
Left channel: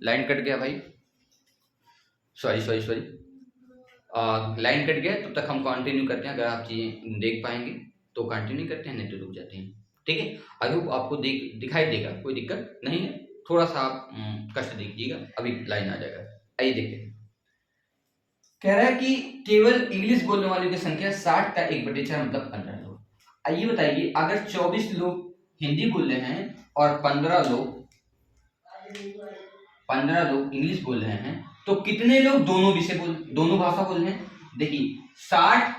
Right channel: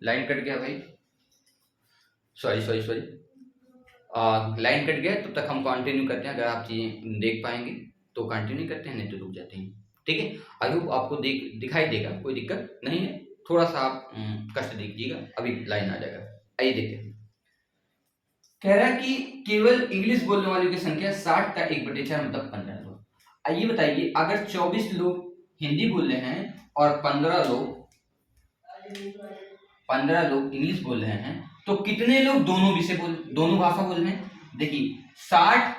लाइन कट गया भाई, sorry sorry sorry, line cut गया, तब तक हम कंटिन्यू करते हैं। अगर आप चीजें देख पाएंगे तो कंटिन्यू करते हैं, नहीं तो रुक जाते हैं। ठीक है, आई होप आपको दिखाई देगा, कोई दिक्कत नहीं है। थोड़ा सा आप कष्ट दीजिएगा, अभी लाइन आ जाएगा। आइए देखते हैं, कह रहा है कि केवल इंग्लिश बोलने वालों की संख्या 60 का 1/4 मतलब 15 लोग। आइए बताइए अगर 24 लोग हिंदी बोल रहे हैं और 15 लोग इंग्लिश बोल रहे हैं, तो कितने लोग दोनों भाषा बोल रहे हैं। देखिए 60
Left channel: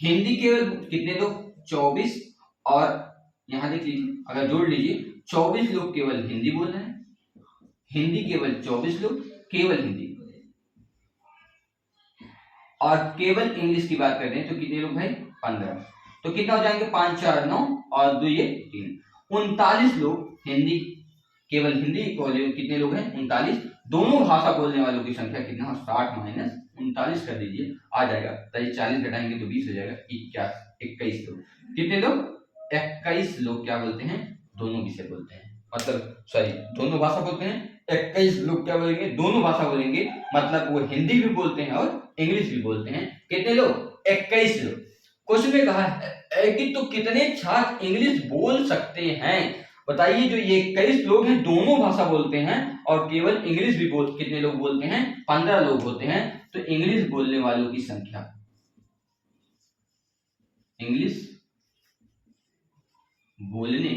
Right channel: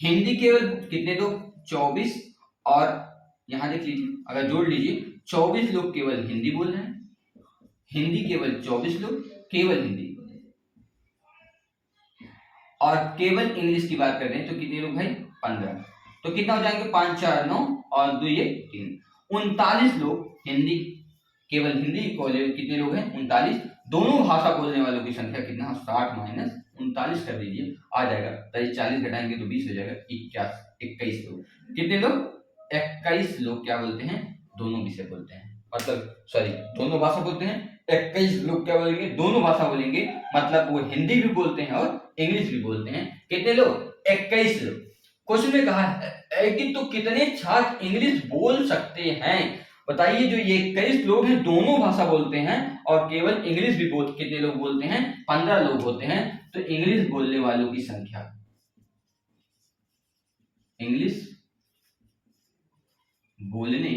हिंदी केवल कितने लोग 24, और यहां देख लीजिए अगर जोड़ लीजिए 24 लोग केवल हिंदी बोल रहे हैं, हिंदी केवल 24 लोग केवल हिंदी, और केवल इंग्लिश की बात कर रहे हैं तो कितने लोग भाई 15, तो कितना हो जाएंगे 5 4 9 और 2 ये 3, 39 लोग हिंदी, केवल हिंदी कितने लोग हैं 39। दोनों भाषा बोलने वालों की संख्या कितना 60 माइनस 39 कर दीजिए, आ जाएगा 40 घटाएंगे तो 20 हो जाएगा 21 लोग। कितने लोग 21 लोग क्या बोलते हैं दोनों विषय बोलते हैं, मतलब सॉरी दोनों भाषा बोलते हैं। 21 लोग क्या बोलेंगे दोनों भाषा बोलेंगे, मतलब वो हिंदी भी बोलते हैं और इंग्लिश भी बोलते हैं। कितने लोग 21 लोग। क्वेश्चन में कहा है कि तो कितने छात्र इंग्लिश बोल सकते हैं। बताइए जो ये 21 लोग हैं दोनों भाषा बोलते हैं और केवल इंग्लिश भी कितने लोग बोलते हैं 15 लोग होते हैं। तो इंग्लिश बोलने वालों की संख्या, इंग्लिश बोलने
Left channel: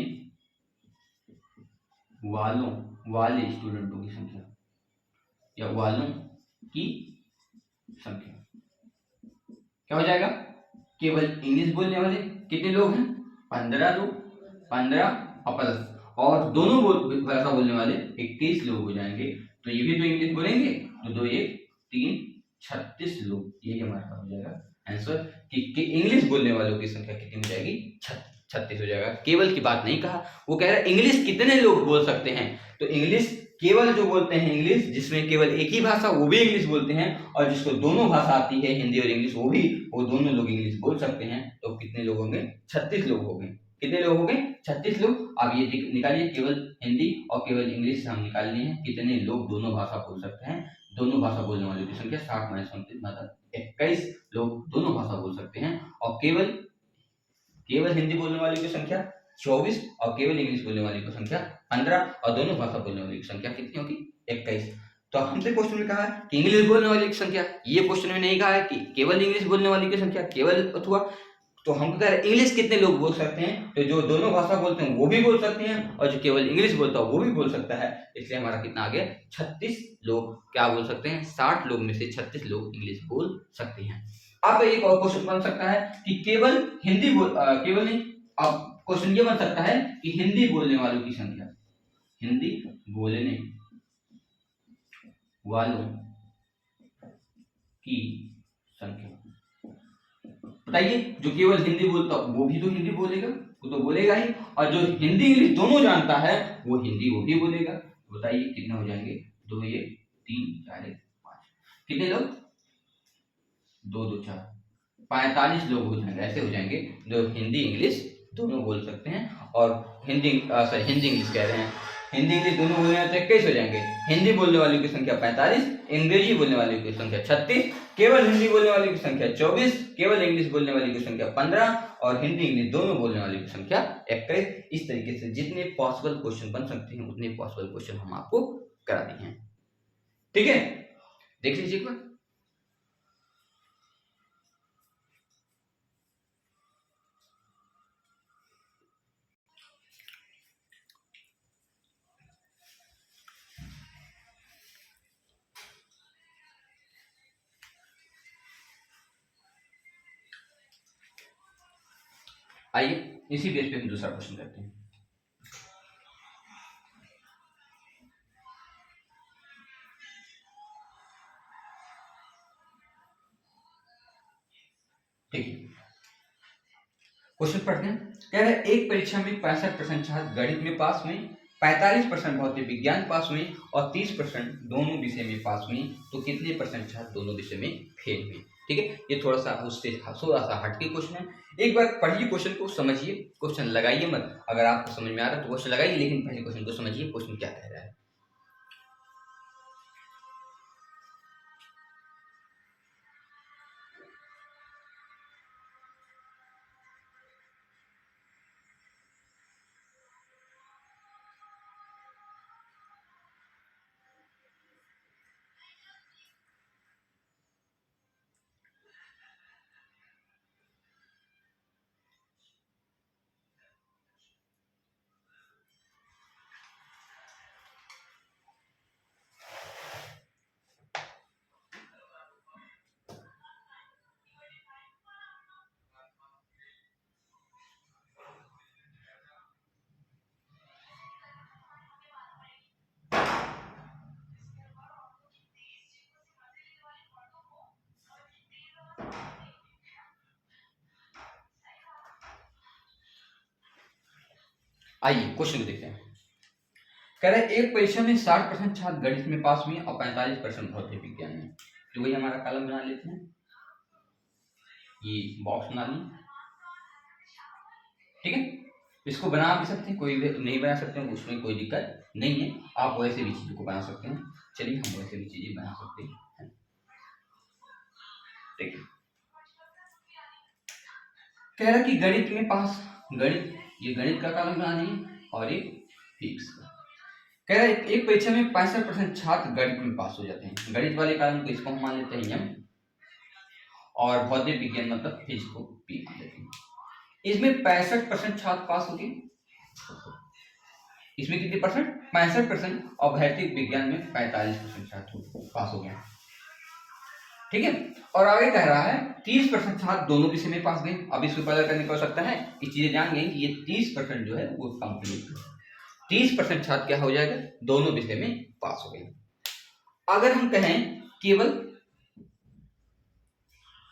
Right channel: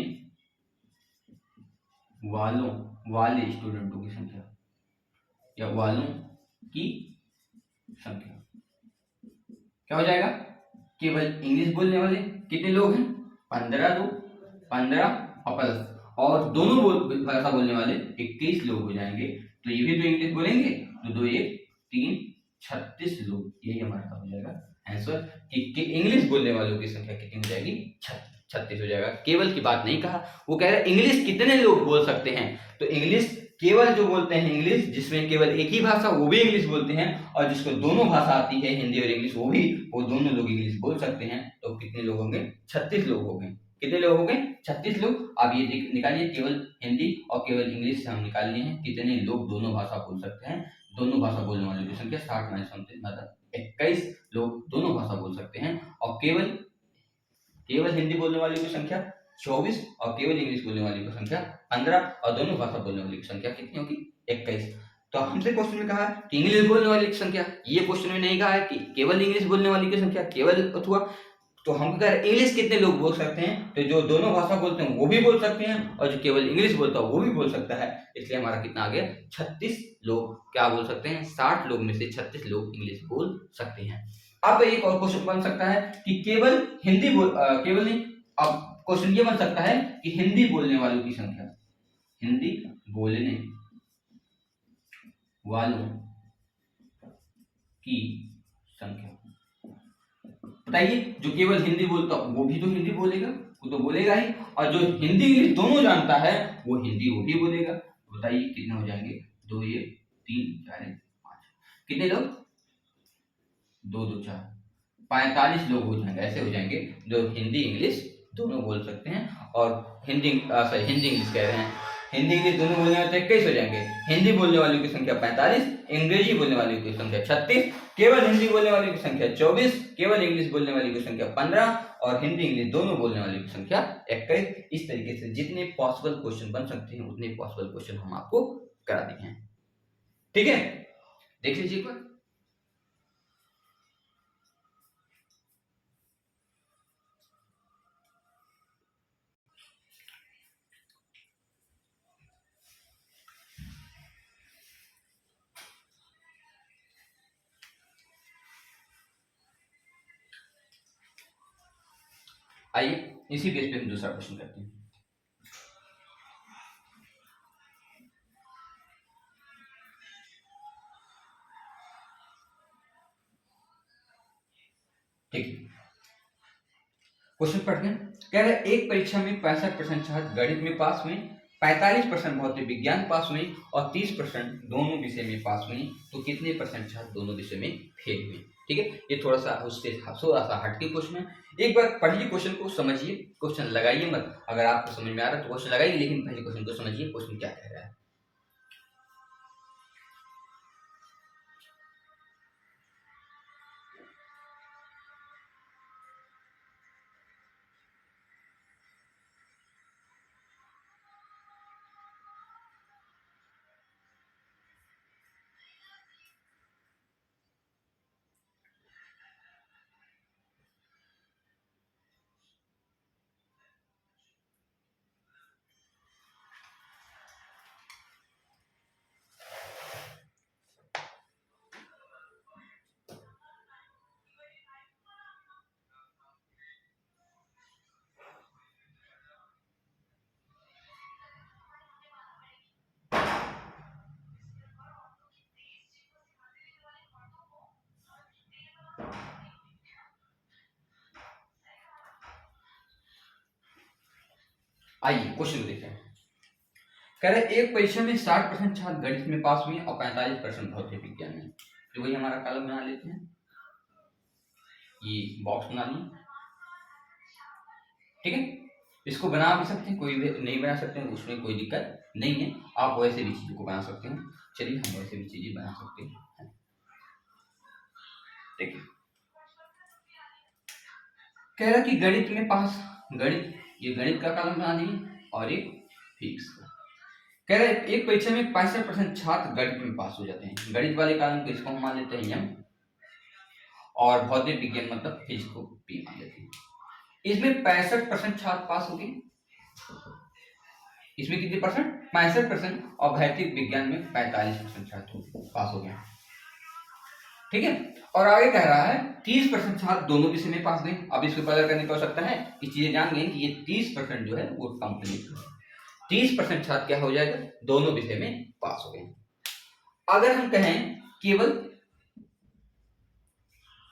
वाले स्टूडेंटों की संख्या या वालों की संख्या क्या हो जाएगा, केवल इंग्लिश बोलने वाले कितने लोग हैं 15 लोग, 15 और प्लस, और दोनों भाषा बोलने वाले 21 लोग हो जाएंगे। तो ये भी तो इंग्लिश बोलेंगे, तो 2 1 3 36 लोग, यही हमारा हो जाएगा आंसर कि इंग्लिश बोलने वालों की संख्या कितनी हो जाएगी 36 हो जाएगा। केवल की बात नहीं कहा, वो कह रहा है इंग्लिश कितने लोग बोल सकते हैं। तो इंग्लिश केवल जो बोलते हैं इंग्लिश, जिसमें केवल एक ही भाषा वो भी इंग्लिश बोलते हैं, और जिसको दोनों भाषा आती है हिंदी और इंग्लिश वो दोनों लोग इंग्लिश बोल सकते हैं। तो कितने लोग होंगे 36 लोग होंगे। कितने लोग हो गए 36 लोग। आप ये निकालिए, केवल हिंदी और केवल इंग्लिश हम निकाल लिए हैं, कितने लोग दोनों भाषा बोल सकते हैं। दोनों भाषा बोलने वालों की संख्या 60 माइनस 29 मतलब 21 लोग दोनों भाषा बोल सकते हैं, और केवल हिंदी बोलने वालों की संख्या 24 और केवल इंग्लिश बोलने वालों की संख्या 15, और दोनों भाषा बोलने वालों की संख्या कितनी होगी 21। तो हमसे क्वेश्चन में कहा है कि इंग्लिश बोलने वाले की संख्या, ये क्वेश्चन में नहीं कहा है कि केवल इंग्लिश बोलने वाली की संख्या, केवल अथवा, तो हम कह रहे हैं इंग्लिश कितने लोग बोल सकते हैं। तो जो दोनों भाषा बोलते हैं वो भी बोल सकते हैं, और जो केवल इंग्लिश बोलता है वो भी बोल सकता है। इसलिए हमारा कितना आ गया 36 लोग क्या बोल सकते हैं, 60 लोग में से 36 लोग इंग्लिश बोल सकते हैं। अब एक और क्वेश्चन बन सकता है कि केवल हिंदी केवल नहीं, अब क्वेश्चन ये बन सकता है कि हिंदी बोलने वालों की संख्या, हिंदी बोलने वालों की संख्या। बताइए, जो केवल हिंदी बोलता वो भी तो हिंदी बोलेगा, वो तो बोलेगा ही, और जो हिंदी इंग्लिश दोनों जानता है वो हिंदी वो भी बोलेगा। बताइए कितने हो जाएंगे, 2 ये 3 4 5, कितने लोग, 2 2 4 45 लोग हो जाएंगे, ऐसे हो जाएंगे जो हिंदी इंग्लिश दोनों बोल सकते हैं। और हिंदी हिंदी इंग्लिश कह रहे हैं, हिंदी इंग्लिश दोनों बोलने वाले तो 21 हो जाएंगे। हिंदी बोलने वालों की संख्या 45, अंग्रेजी बोलने वालों की संख्या 36, केवल हिंदी बोलने वालों की संख्या 24, केवल इंग्लिश बोलने वालों की संख्या 15 और हिंदी इंग्लिश दोनों बोलने वालों की संख्या 21। इस तरीके से जितने पॉसिबल क्वेश्चन बन सकते हैं उतने पॉसिबल क्वेश्चन हम आपको करा दिए हैं। ठीक है, देख लीजिए एक बार। आइए इसी बेस पे हम दूसरा क्वेश्चन करते हैं। ठीक है, क्वेश्चन पढ़ते हैं। कह रहे एक परीक्षा में 65% छात्र गणित में पास हुए, 45% भौतिक विज्ञान पास हुए और 30% दोनों विषय में पास हुए, तो कितने परसेंट छात्र दोनों विषय में फेल हुए। ठीक है, ये थोड़ा सा उससे थोड़ा सा हटके क्वेश्चन है। एक बार पढ़िए क्वेश्चन को, समझिए, क्वेश्चन लगाइए मत, अगर आपको समझ में आ रहा है तो क्वेश्चन लगाइए, लेकिन पहले क्वेश्चन को समझिए क्वेश्चन क्या कह रहा है। आइए क्वेश्चन देखते हैं। कह रहे एक परीक्षा में 60% छात्र गणित में पास हुए और 45% भौतिक विज्ञान में। तो वही हमारा कॉलम बना लेते हैं, ये बॉक्स बना लिए। ठीक है, इसको बना भी सकते हैं, कोई भी नहीं बना सकते हैं, उसमें कोई दिक्कत नहीं है, आप वैसे भी चीजों को बना सकते हैं। चलिए हम वैसे भी चीजें बना सकते हैं। देखिए, कह रहा कि गणित में पास, गणित, ये गणित का कॉलम बना दिए और एक फिजिक्स का। कह रहा है एक परीक्षा में 65% छात्र गणित में पास हो जाते हैं। गणित वाले कॉलम को इसको हम मान लेते हैं एम, और भौतिक विज्ञान मतलब फिजिक्स को पी मान लेते हैं। इसमें 65% छात्र पास हो गए, इसमें कितने परसेंट, 65%, और भौतिक विज्ञान में 45% छात्र पास हो गए। ठीक है, और आगे कह रहा है 30% छात्र दोनों विषय में पास गए। अब इसको पता करने की आवश्यकता है कि चीजें जान गए कि ये 30% जो है वो कंप्लीट है। 30% छात्र क्या हो जाएगा, दोनों विषय में पास हो गए। अगर हम कहें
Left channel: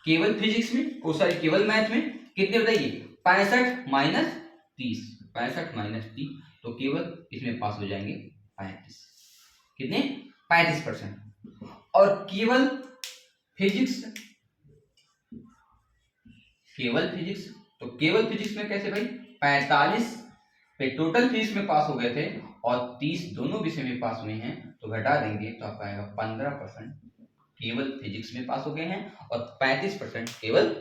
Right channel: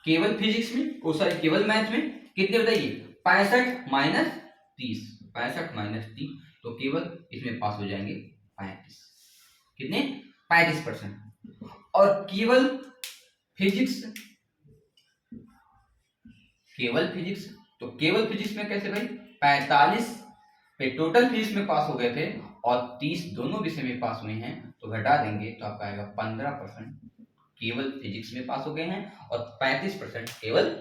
केवल फिजिक्स में, ओ सॉरी केवल मैथ में कितने बताइए, 65 माइनस 30, 65 माइनस 30, तो केवल इसमें पास हो जाएंगे 35, कितने, 35%। और केवल फिजिक्स, तो केवल फिजिक्स में कैसे भाई, 45 पे टोटल फिजिक्स में पास हो गए थे और 30 दोनों विषय में पास हुए हैं, तो घटा देंगे तो आपका आएगा 15% केवल फिजिक्स में पास हो गए हैं और 35% केवल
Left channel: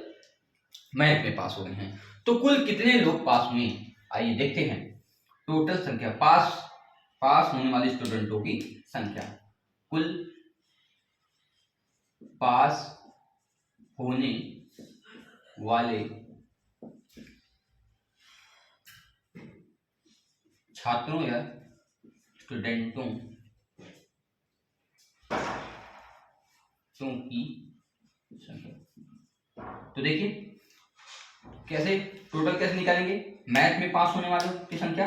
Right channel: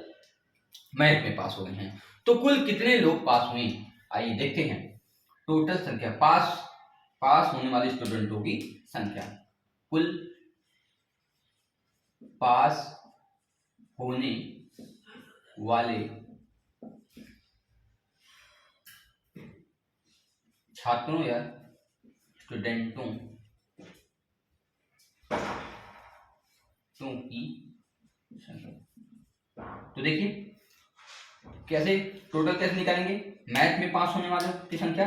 मैथ में पास हो गए हैं। तो कुल कितने लोग पास हुए, आइए देखते हैं। टोटल संख्या, पास होने वाले स्टूडेंटों की संख्या, कुल पास होने वाले छात्रों या स्टूडेंटों की संख्या। तो देखिए कैसे टोटल कैसे निकालेंगे, मैथ में पास होने वालों की संख्या,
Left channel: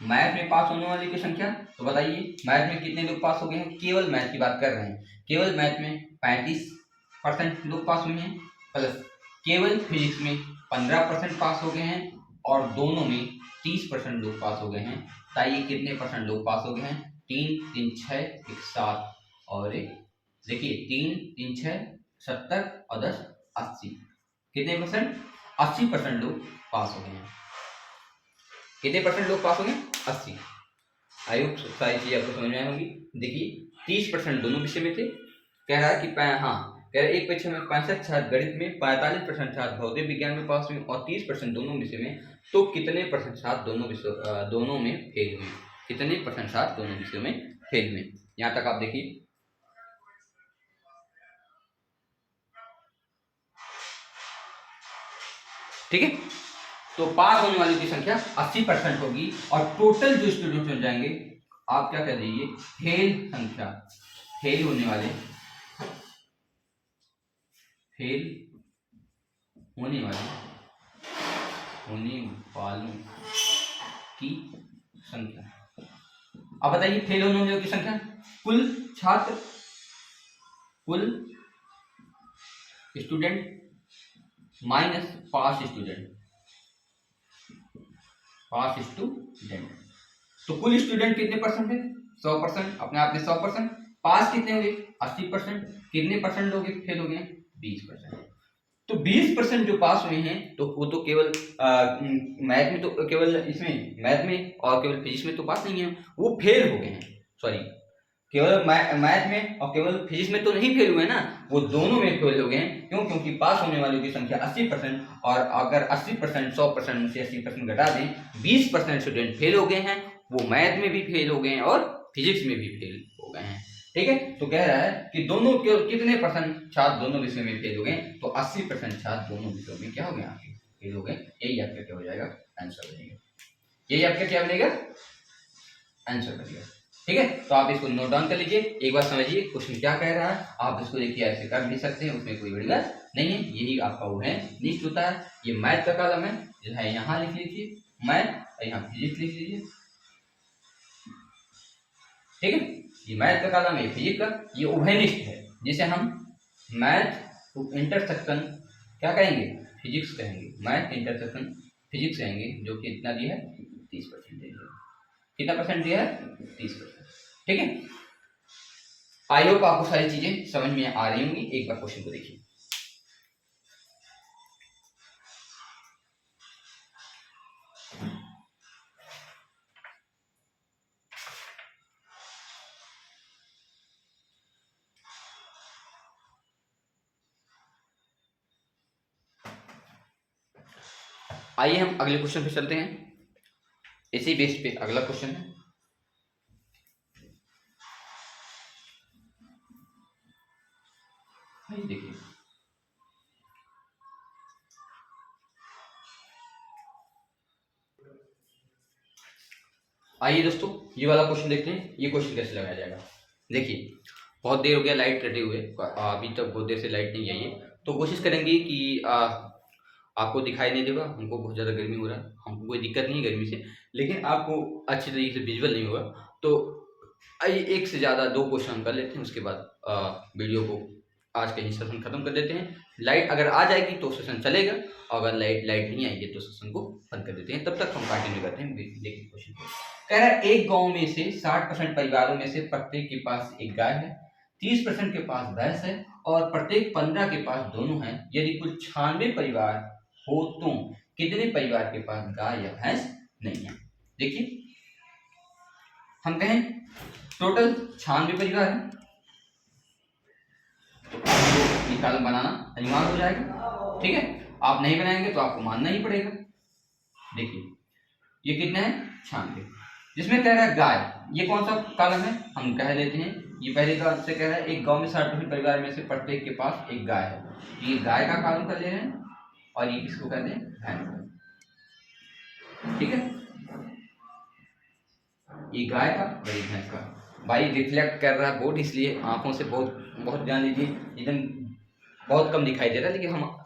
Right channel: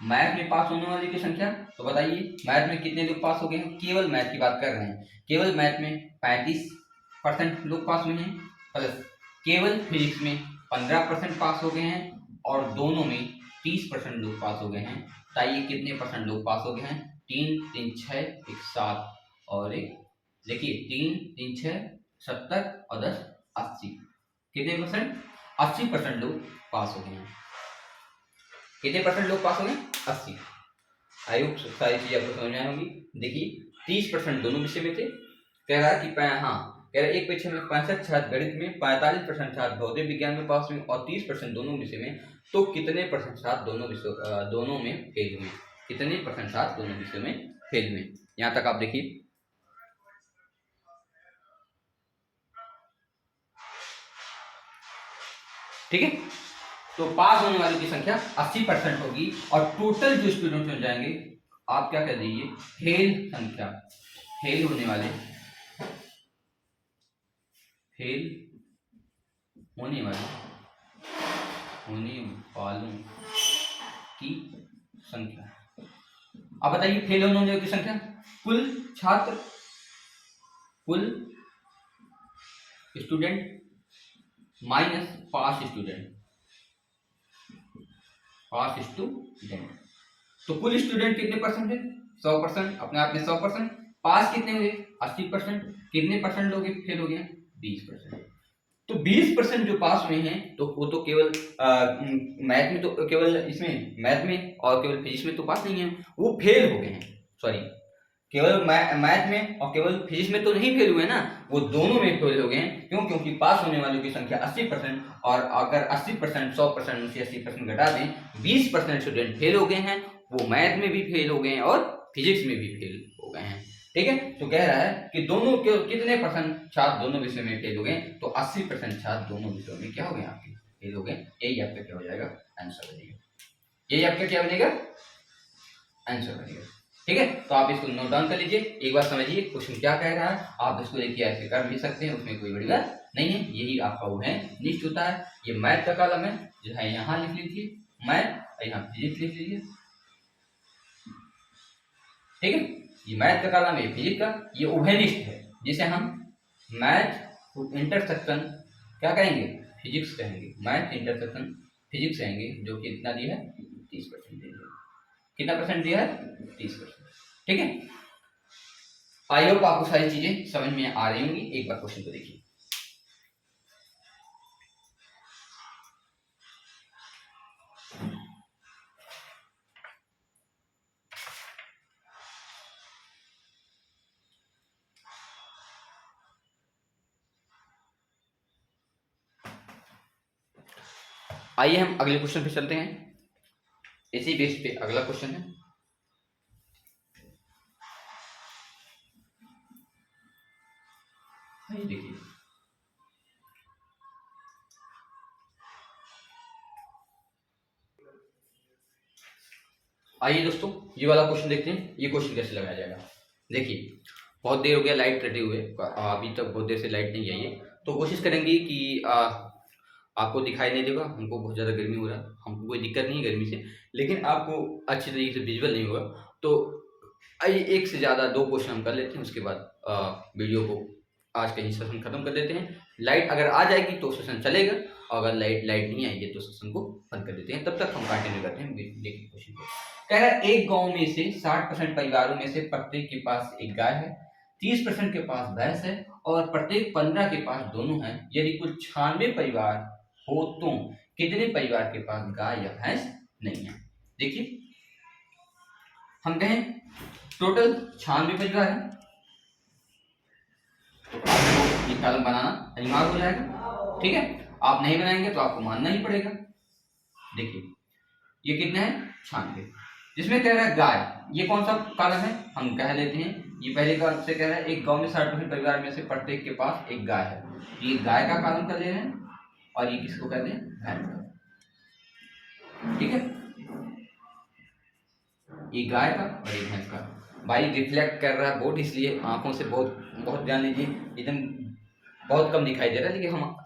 मैथ में पास होने वाले की संख्या, तो बताइए मैथ में कितने लोग पास हो गए हैं, केवल मैथ की बात कर रहे हैं, केवल मैथ में 35% लोग पास हुए हैं, प्लस केवल फिजिक्स में 15% पास हो गए हैं, और दोनों में 30% लोग पास हो गए हैं। बताइए कितने परसेंट लोग पास हो गए हैं, 3 3 6 1 7 और एक, देखिए 3 3 6 70 और 10 80, कितने परसेंट, 80% लोग पास हो गए हैं। कितने परसेंट लोग पास हो गए, 80। आई होप सारी चीजें आपको समझ में आई होंगी। देखिए 30% दोनों विषय में थे, कह रहा है कि हाँ कह रहा है एक परीक्षा में 65 छात्र गणित में, 45% छात्र भौतिक विज्ञान में पास हुए और 30% दोनों विषय में, तो कितने परसेंट छात्र दोनों में फेल हुए, कितने परसेंट छात्र दोनों विषयों में फेल हुए। यहाँ तक आप देखिए, ठीक है। तो पास होने वालों की संख्या 80% होगी, और टोटल जो स्टूडेंट हो जाएंगे, आप क्या कर दीजिए, फेल संख्या, फेल होने वाले, फेल होने वालों की संख्या। अब बताइए फेल होने वालों की संख्या, कुल छात्र, कुल स्टूडेंट माइनस पास स्टूडेंट, पास स्टूडेंट, तो कुल स्टूडेंट कितने परसेंट है, 100%, अपने आप में 100%, पास कितने हुए, 80%, कितने परसेंट लोग फेल हो गए, 20%। तो 20% जो पास हुए हैं, तो वो तो केवल मैथ में, तो केवल इसमें मैथ में और केवल फिजिक्स में तो पास नहीं है, वो फेल हो गए हैं, सॉरी केवल मैथ में और केवल फिजिक्स में तो नहीं फेल हुए ना, वो दोनों में फेल हो गए हैं। क्यों, क्योंकि पास होने वालों की संख्या 80%, और अगर 80% 100% से 80% घटा दें, 20% स्टूडेंट फेल हो गए हैं, वो मैथ में भी फेल हो गए हैं और फिजिक्स में भी फेल हो गए हैं, ठीक है। तो कह रहा है कि दोनों के कितने परसेंट छात्र दोनों विषयों में फेल हो गए, तो 80% छात्र दोनों विषयों में क्या हो गए, आपके फेल हो गए। यही आपका क्या हो जाएगा, आंसर बनेगा, यही आपका क्या बनेगा, आंसर बनेगा, ठीक है। तो आप इसको नोट डाउन कर लीजिए, एक बार समझिए क्वेश्चन क्या कह रहा है, आप इसको देखिए ऐसे कर भी सकते हैं, उसमें कोई बड़ी बात नहीं है, यही आपका वो है लिस्ट होता है। ये मैथ का कॉलम है, जो है यहाँ लिख लीजिए मैथ, और यहाँ फिजिक्स लिख लीजिए, ठीक है। ये मैथ का कॉलम है, फिजिक्स का, ये उभयनिष्ठ है, जिसे हम मैथ इंटरसेक्शन क्या कहेंगे, फिजिक्स कहेंगे, मैथ इंटरसेक्शन फिजिक्स कहेंगे, जो कि इतना दिया है 30% दिया है, कितना परसेंट दिया है, 30%, ठीक है। आई होप आपको सारी चीजें समझ में आ रही होंगी। एक बार क्वेश्चन को देखिए, आइए हम अगले क्वेश्चन पे चलते हैं। इसी बेस पे अगला क्वेश्चन है, आइए देखिए, आइए दोस्तों ये वाला क्वेश्चन देखते हैं, ये क्वेश्चन कैसे लगाया जाएगा। देखिए बहुत देर हो गया लाइट कटे हुए, अभी तक बहुत देर से लाइट नहीं आई है, तो कोशिश करेंगे कि आपको दिखाई नहीं देगा, हमको बहुत ज़्यादा गर्मी हो रहा है, हमको कोई दिक्कत नहीं है गर्मी से, लेकिन आपको अच्छी तरीके से विजुअल नहीं होगा। तो आइए एक से ज़्यादा 2 क्वेश्चन हम कर लेते हैं, उसके बाद वीडियो को आज का ही सेशन खत्म कर देते हैं। लाइट अगर आ जाएगी तो सेशन चलेगा, और अगर लाइट नहीं आएगी तो सेशन को बंद कर देते हैं, तब तक हम कंटिन्यू करते हैं। देखिए क्वेश्चन को कह रहा है, एक गांव में से 60% परिवारों में से प्रत्येक के पास एक गाय है, 30% के पास भैंस है, और प्रत्येक 15 के पास दोनों हैं। यदि कुल 96 परिवार हो तो कितने परिवार के पास गाय या भैंस नहीं है। देखिए हम कहें टोटल 96 परिवार है, तो आपको ये कॉलम बनाना अनिवार्य हो जाएगा, ठीक है। आप नहीं बनाएंगे तो आपको मानना ही पड़ेगा। देखिए ये कितना है, 96, जिसमें कह रहा है गाय, ये कौन सा कॉलम है, हम कह लेते हैं ये पहले कॉलम से कह रहा है, एक गांव में 60% परिवार में से प्रत्येक के पास एक गाय है, ये गाय का कॉलम कर ले रहे हैं, और ये किसको कहते हैं, भैंस, ठीक है। ये गाय का और ये भैंस का। भाई रिफ्लेक्ट कर रहा है बोर्ड, इसलिए आंखों से बहुत बहुत ध्यान लीजिए, एकदम बहुत कम दिखाई दे रहा है, लेकिन हम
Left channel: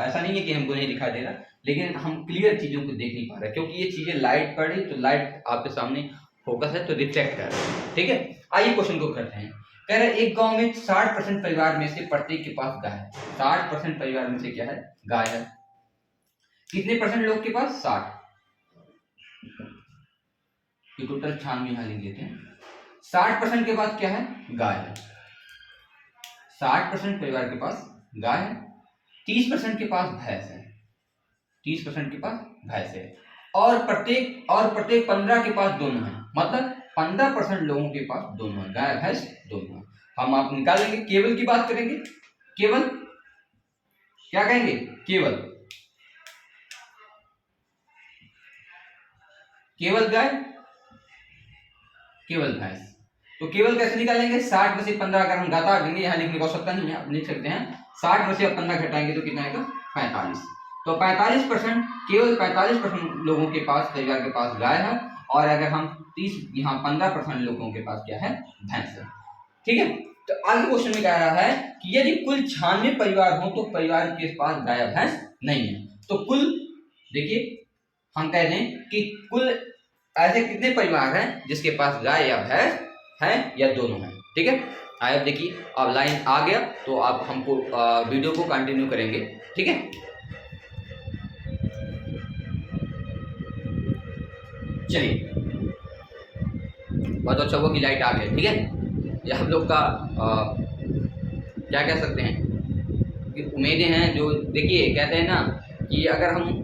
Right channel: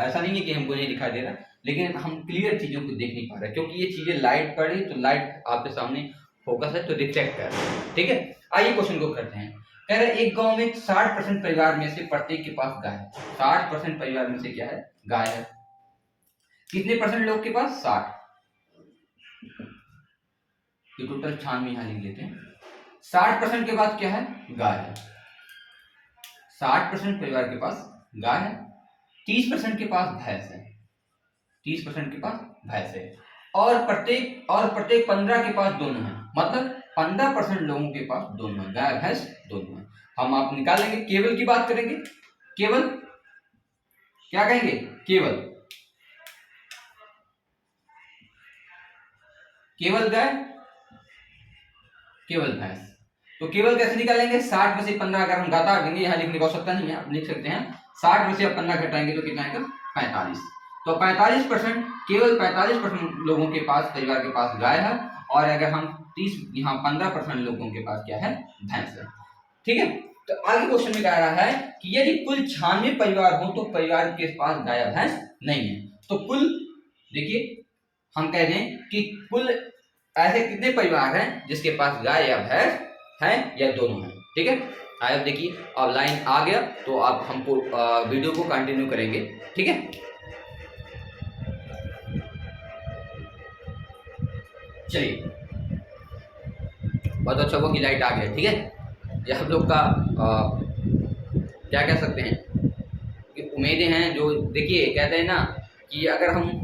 ऐसा नहीं है कि हमको नहीं दिखाई दे रहा, लेकिन हम क्लियर चीज़ों को देख नहीं पा रहे, क्योंकि ये चीज़ें लाइट पड़ी तो लाइट आपके सामने फोकस है तो रिफ्लेक्ट कर रहा है। ठीक है, आइए क्वेश्चन को करते हैं। कह रहे एक गांव में 60% परिवार में से प्रत्येक के पास गाय है। 60% परिवार में से क्या है? गाय है। कितने परसेंट लोग के पास? 60। ये टोटल 96 यहाँ लिख देते हैं। 60% के बाद क्या है? गाय है। 60% परिवार के पास गाय है। 30% के पास भैंस है। 30% के पास भैंस है और प्रत्येक 15 के पास दोनों है। मतलब 15% लोगों के पास दोनों है, गाय भैंस दोनों है। हम आप निकालेंगे, केवल की बात करेंगे। केवल क्या कहेंगे? केवल गाय, केवल भैंस। तो केवल कैसे निकालेंगे? 60 में से 15 अगर हम घटा देंगे, यहाँ लिखने की आवश्यकता नहीं है, आप लिख सकते हैं 60 में से 15 घटाएंगे तो कितना आएगा? 45। तो 45%, केवल 45% लोगों के पास, परिवार के पास गाय है, और अगर हम 30 यहाँ 15% लोगों के पास क्या है? भैंस है। ठीक है, तो आगे क्वेश्चन में कह रहा है कि यदि कुल 96 परिवार हो तो परिवार के पास गाय भैंस नहीं है। तो कुल देखिए, हम कह दें कि कुल ऐसे कितने परिवार हैं जिसके पास गाय या भैंस है या दोनों हैं। ठीक है, आगे देखिए, अब लाइन आ गया तो आप हमको वीडियो को कंटिन्यू करेंगे। ठीक है, चलिए, बहुत अच्छा हुआ कि लाइट आ गया। ठीक है, ये हम लोग का क्या कह सकते हैं कि उम्मीदें हैं जो, देखिए कहते हैं ना कि अगर हम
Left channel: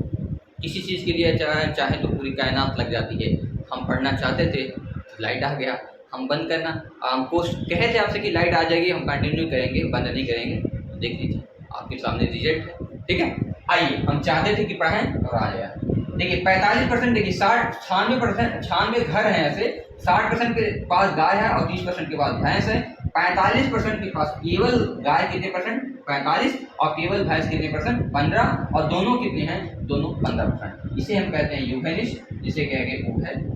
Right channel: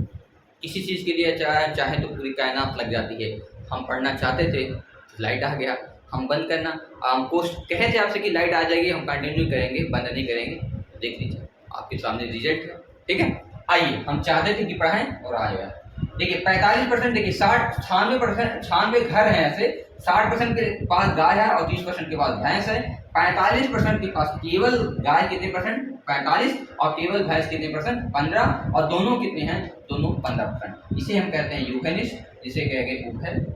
किसी चीज़ के लिए चाहे तो पूरी कायनात लग जाती है। हम पढ़ना चाहते थे तो लाइट आ गया, हम बंद करना, हम पोस्ट कहे थे आपसे कि लाइट आ जाएगी, हम कंटिन्यू करेंगे, बंद नहीं करेंगे। तो देख लीजिए आपके सामने रिजल्ट है। ठीक है, आइए, हम चाहते थे कि पढ़ें और आ गया। देखिए 45%, देखिए 96 घर हैं ऐसे, 60% के पास गाय है और 30% के पास भैंस है। 45% के पास केवल गाय कितने परसेंट? 45, और केवल भैंस कितने परसेंट? 15, और दोनों कितने हैं? दोनों 15%। इसे हम कहते हैं यूफेनिस्ट, जिसे कहेंगे यूफेनिस्ट।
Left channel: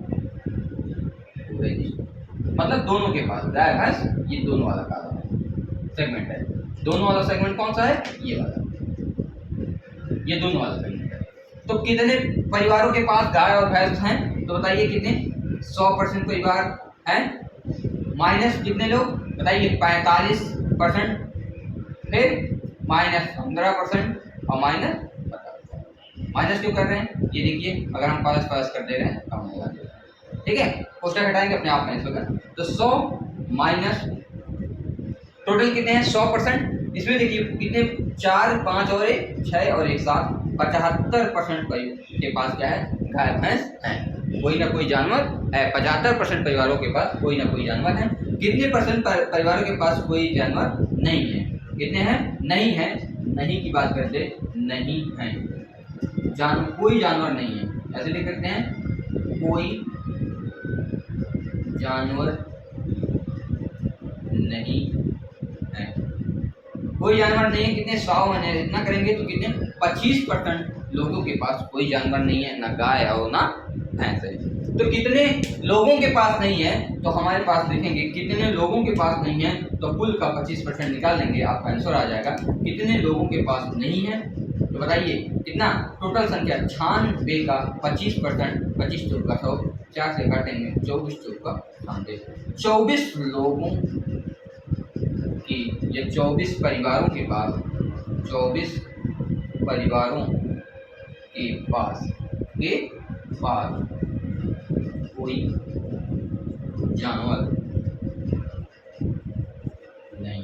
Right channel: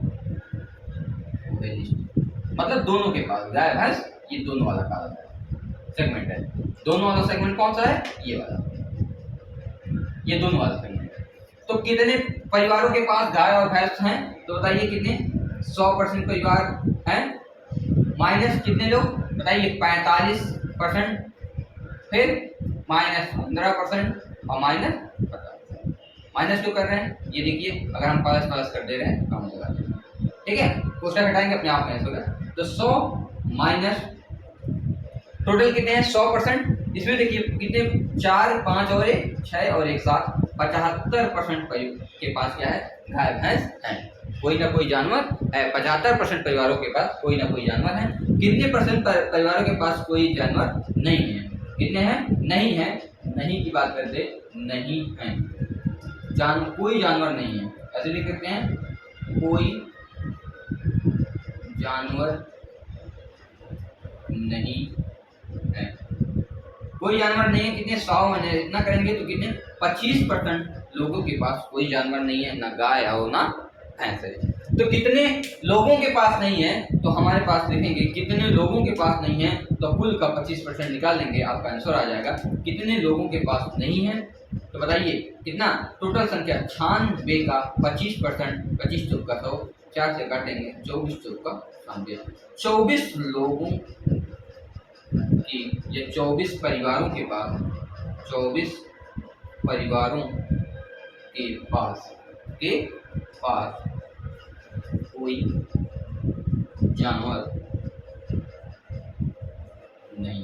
मतलब दोनों के पास गाय भैंस, ये दोनों वाला काला है सेगमेंट है। दोनों वाला सेगमेंट कौन सा है? ये वाला, ये दोनों वाला सेगमेंट है। तो कितने परिवारों के पास गाय और भैंस हैं? तो बताइए कितने? 100% परिवार हैं, माइनस कितने लोग? बताइए 45%, फिर माइनस 15% और माइनस 50%। माइनस क्यों कर रहे हैं? ये देखिए, अगर हम प्लस कर दे रहे हैं कम होगा। ठीक है, क्वेश्चन हटाएंगे अपने आप माइनस होगा। तो 100 माइनस टोटल कितने हैं? 100%। इसमें देखिए कितने? 4, 5 और 1, 6 और 1, 7, 75% के पास क्या है? गाय भैंस है। कोई ना कोई जानवर है। 75% परिवारों के पास कोई ना कोई जानवर है। कितने परसेंट परिवारों के पास कोई जानवर नहीं है? कितने हैं? नहीं है। नहीं की बात करते, नहीं है, कोई जानवर नहीं है, ऐसे लिख सकते हैं, कोई जानवर नहीं है। कोई जानवर नहीं है, कितने? 100 इतना करेंगे तो कितने? 25% लोगों के पास कोई जानवर नहीं है, ना गाय और ना भैंस है। तो कितने लोगों के पास नहीं है? तो हमारे पास देखेंगे कितने लोगों के पास नहीं है, तो कुल का 25% निकाल लेंगे, आपका आंसर आ जाएगा। कितने लोगों के पास नहीं है? तो बताइए कितना? टोटल संख्या 96 का 25%, 25 चौक का 100, 4 से काटेंगे, 24 चौक का 90, 24 लोगों की, ये 24 परिवारों के पास, 24 परिवारों के पास कोई जानवर नहीं।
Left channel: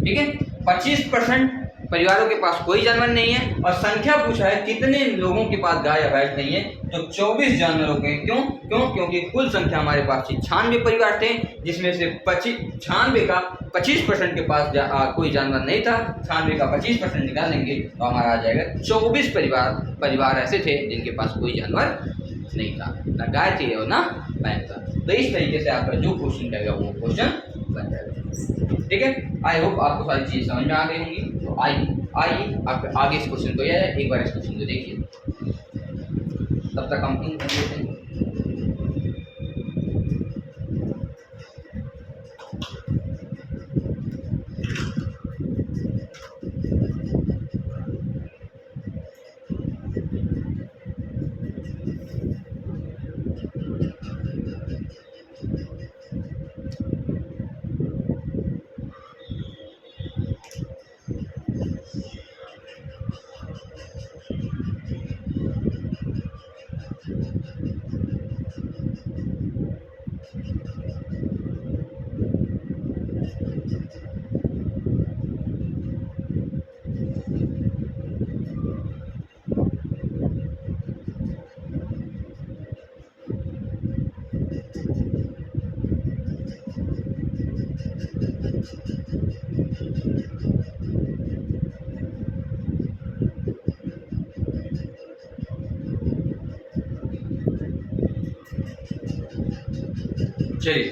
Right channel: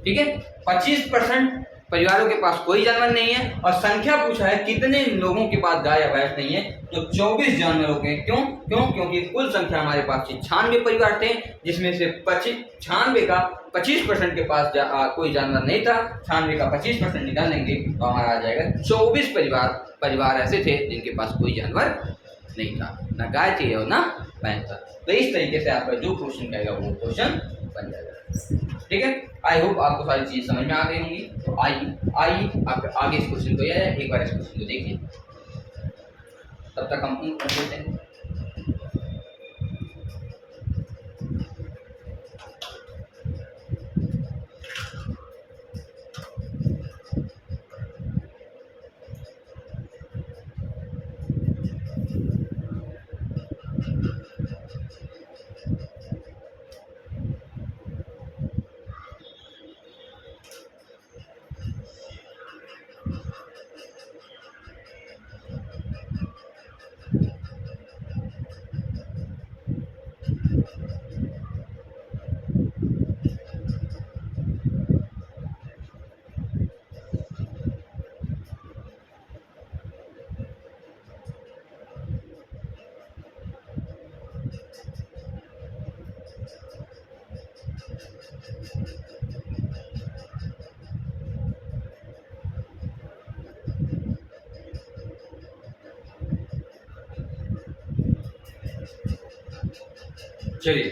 ठीक है, 25% परिवारों के पास कोई जानवर नहीं है, और संख्या पूछा है कितने लोगों के पास गाय या भैंस नहीं है, तो 24 जानवरों के। क्योंकि कुल संख्या हमारे पास 96 परिवार थे, जिसमें से 96 का 25% के पास कोई जानवर नहीं था। 96 का 25% निकाल लेंगे तो हमारा आ जाएगा 24 परिवार ऐसे थे जिनके पास कोई जानवर नहीं था, ना गाय थी और ना भैंस था। तो इस तरीके से आपका जो क्वेश्चन कहेगा वो क्वेश्चन बन जाएगा। ठीक है, आई होप आपको सारी चीज समझ में आ गई होंगी। तो आइए आप आगे इस क्वेश्चन को, एक बार इस क्वेश्चन को देखिए, तब तक हम इन कर देते हैं। चलिए